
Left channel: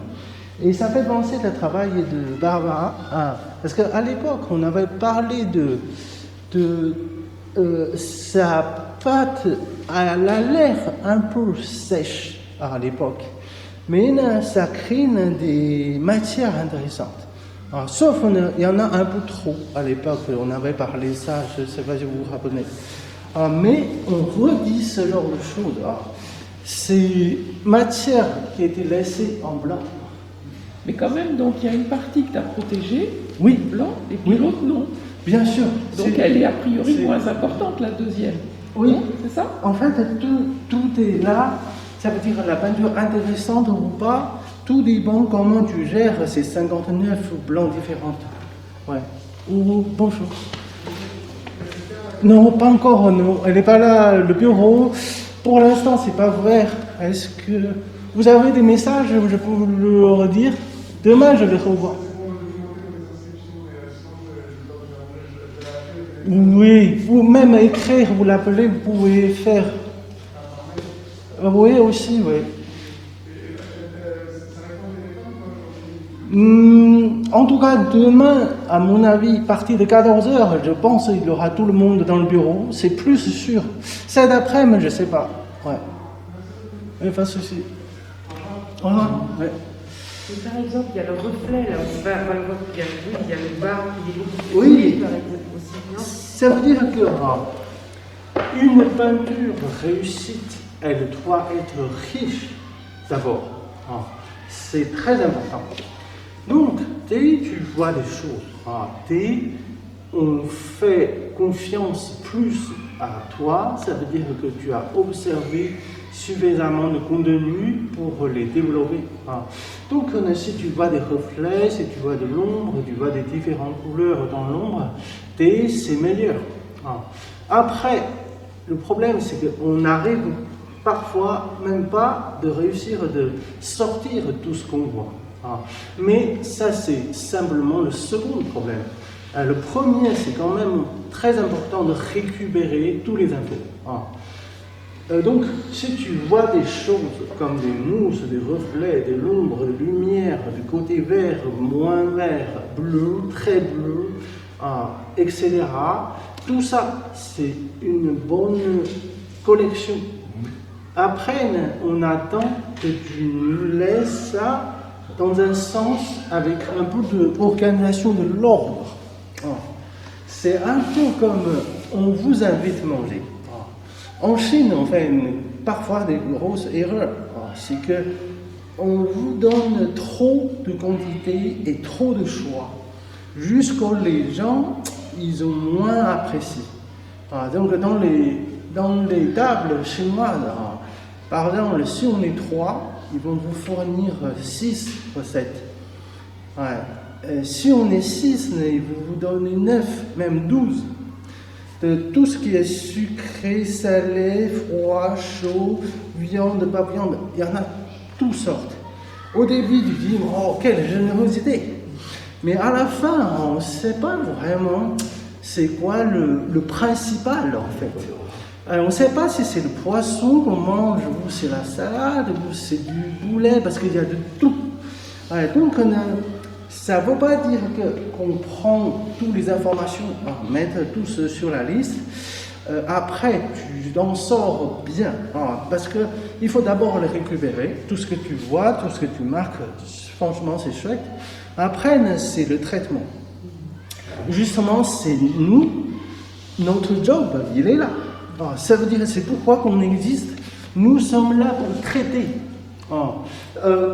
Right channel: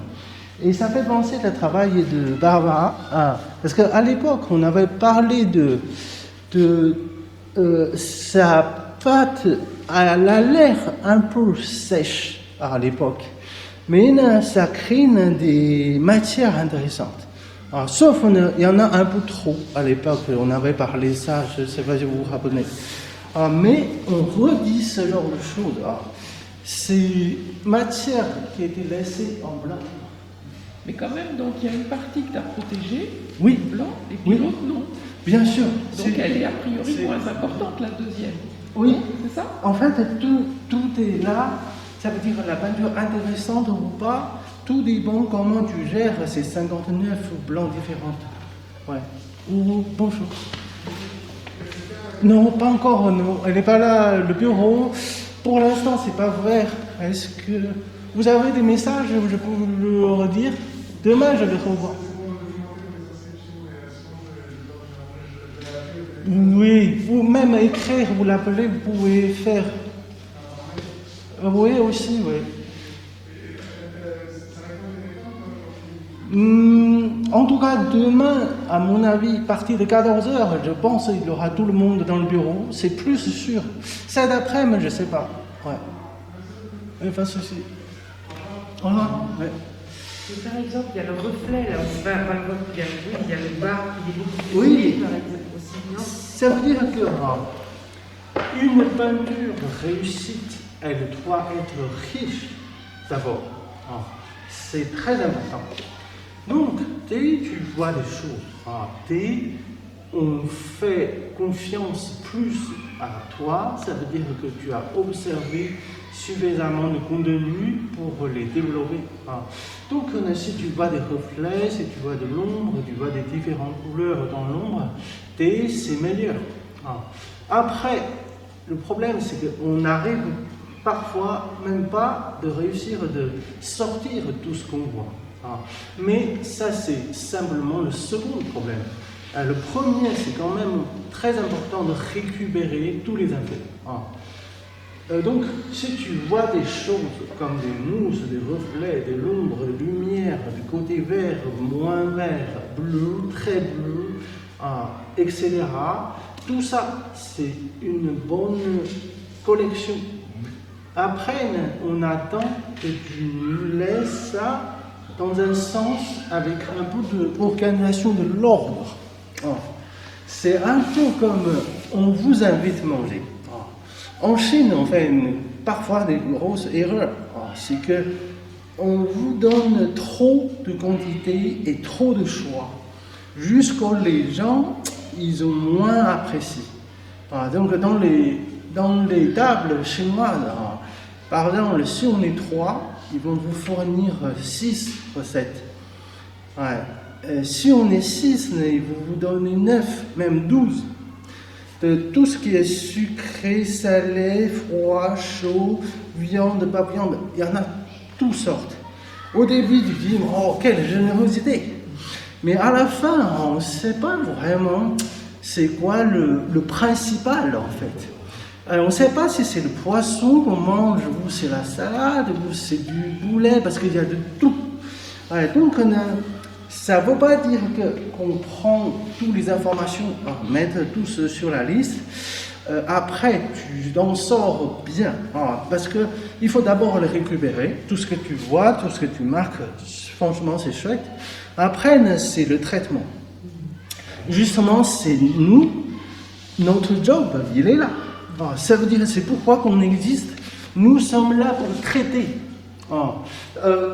Et ça fait penser le travail de Barbara, parce qu'à l'époque, on avait parlé de sa pâte, elle a l'air un peu sèche à l'époque, mais ça crée des matières intéressantes. Sauf il y en a un peu trop à l'époque, on avait parlé de ça, je ne sais pas si vous vous rappelez. Mais on redit ce genre de choses. Ces matières qui étaient laissées en blanc. Mais quand même, donc il y a une partie que tu as protégée, Oui. blanc, et puis l'autre non. Bien sûr. Donc elle est a priori moins importante que la deuxième. Oui, c'est ça? En fait, tout est là. Ça veut dire la peinture intéressante ou pas. Tout dépend comment tu gères ces 59 blancs différents. Bonjour. Non, pas encore, non. Elle n'est pas là, le bureau. Pour l'instant, c'est pas ouvert. Est-ce que vous avez des messages, je peux vous le redire? Demain, je le revois. Oui, ou même écrire, vous l'appelez, vous pouvez faire. Oui, aussi, oui. En tout cas, demain, à mon avis, à partir de 14h, je pense qu'il y aura tout le monde dans le bureau. C'est plus sûr. C'est d'après, mais je ne sais pas. Ouais. Pas de souci. Ouais. Et par exemple, il y a le reflet du verre, il y a le vert, il y a les barres, Oui. Ça veut dire qu'une peinture réussite, elle doit être riche d'abord. C'est très important. Donc, dès que tu vois des choses, dès on fait confiance plus à toi, ça veut dire que tu as observé suffisamment de contenu pour les développer. Donc, si tu vois des reflets, si tu vois de l'ombre, tu vois des différentes couleurs dans l'ombre, c'est meilleur. Après, le problème, c'est qu'on n'arrive parfois même pas de réussir de sortir tout ce qu'on voit. Mais ça, c'est simplement le second problème. Le premier, c'est quand même très important de récupérer tous les infos. Donc, si tu vois des choses comme des mousses, des reflets, des ombres, des lumières, du côté vert, moins vert, bleu, très bleu, etc., tout ça, c'est une bonne collection Après, on attend que tu nous laisses ça dans un sens avec un peu d'organisation de l'ordre. C'est un peu comme on vous invite à manger. En Chine, on fait parfois des grosses erreurs. C'est que on vous donne trop de quantité et trop de choix. Juste pour les gens, ils ont moins apprécié. Donc dans les tables chinoises, par exemple, sur les 3, ils vont vous fournir 6 recettes. Sur les 6, ils vont vous donner 9, même 12. De tout ce qui est sucré, salé, froid, chaud, viande, pas viande, il y en a toutes sortes. Au début, tu dis, oh, quelle générosité! Mais à la fin, on ne sait pas vraiment c'est quoi le principal en fait. On ne sait pas si c'est le poisson qu'on mange, ou c'est la salade, ou c'est du poulet, parce qu'il y a de tout. Donc, ça ne veut pas dire qu'on prend toutes les informations, mettre tous sur la liste. Après, tu en sors bien, parce qu'il faut d'abord les récupérer, tout ce que tu vois, tout ce que tu marques, franchement c'est chouette. Après, c'est le traitement. Justement, c'est nous, notre job, il est là. Ça veut dire, c'est pourquoi qu'on existe. Nous sommes là pour traiter.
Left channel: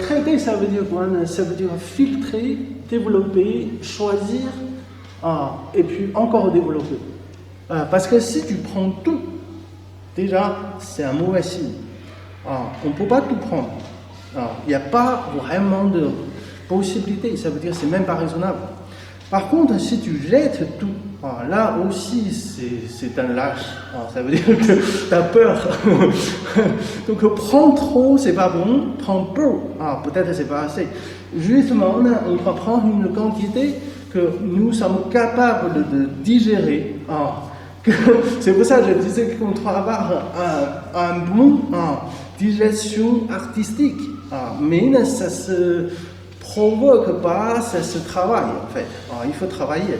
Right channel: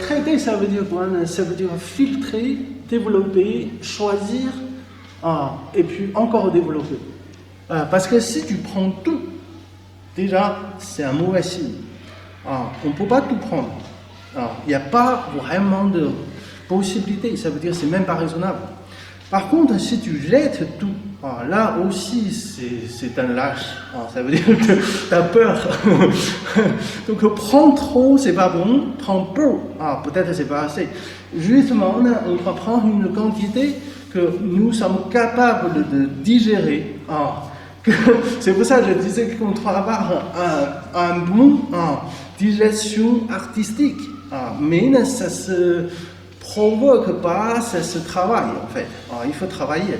Traiter, ça veut dire quoi? Ça veut dire filtrer, développer, choisir, et puis encore développer. Parce que si tu prends tout, déjà, c'est un mauvais signe. On ne peut pas tout prendre. Il n'y a pas vraiment de possibilité. Ça veut dire que c'est même pas raisonnable. Par contre, si tu jettes tout, là aussi, c'est un lâche. Ça veut dire que tu as peur. Donc, prendre trop, c'est pas bon. Prendre peu, peut-être c'est pas assez. Justement, on va prendre une quantité que nous sommes capables de digérer. C'est pour ça que je disais qu'on travaille un bon digestion artistique. Mais ça se provoque pas, ça se travaille en fait. Il faut travailler.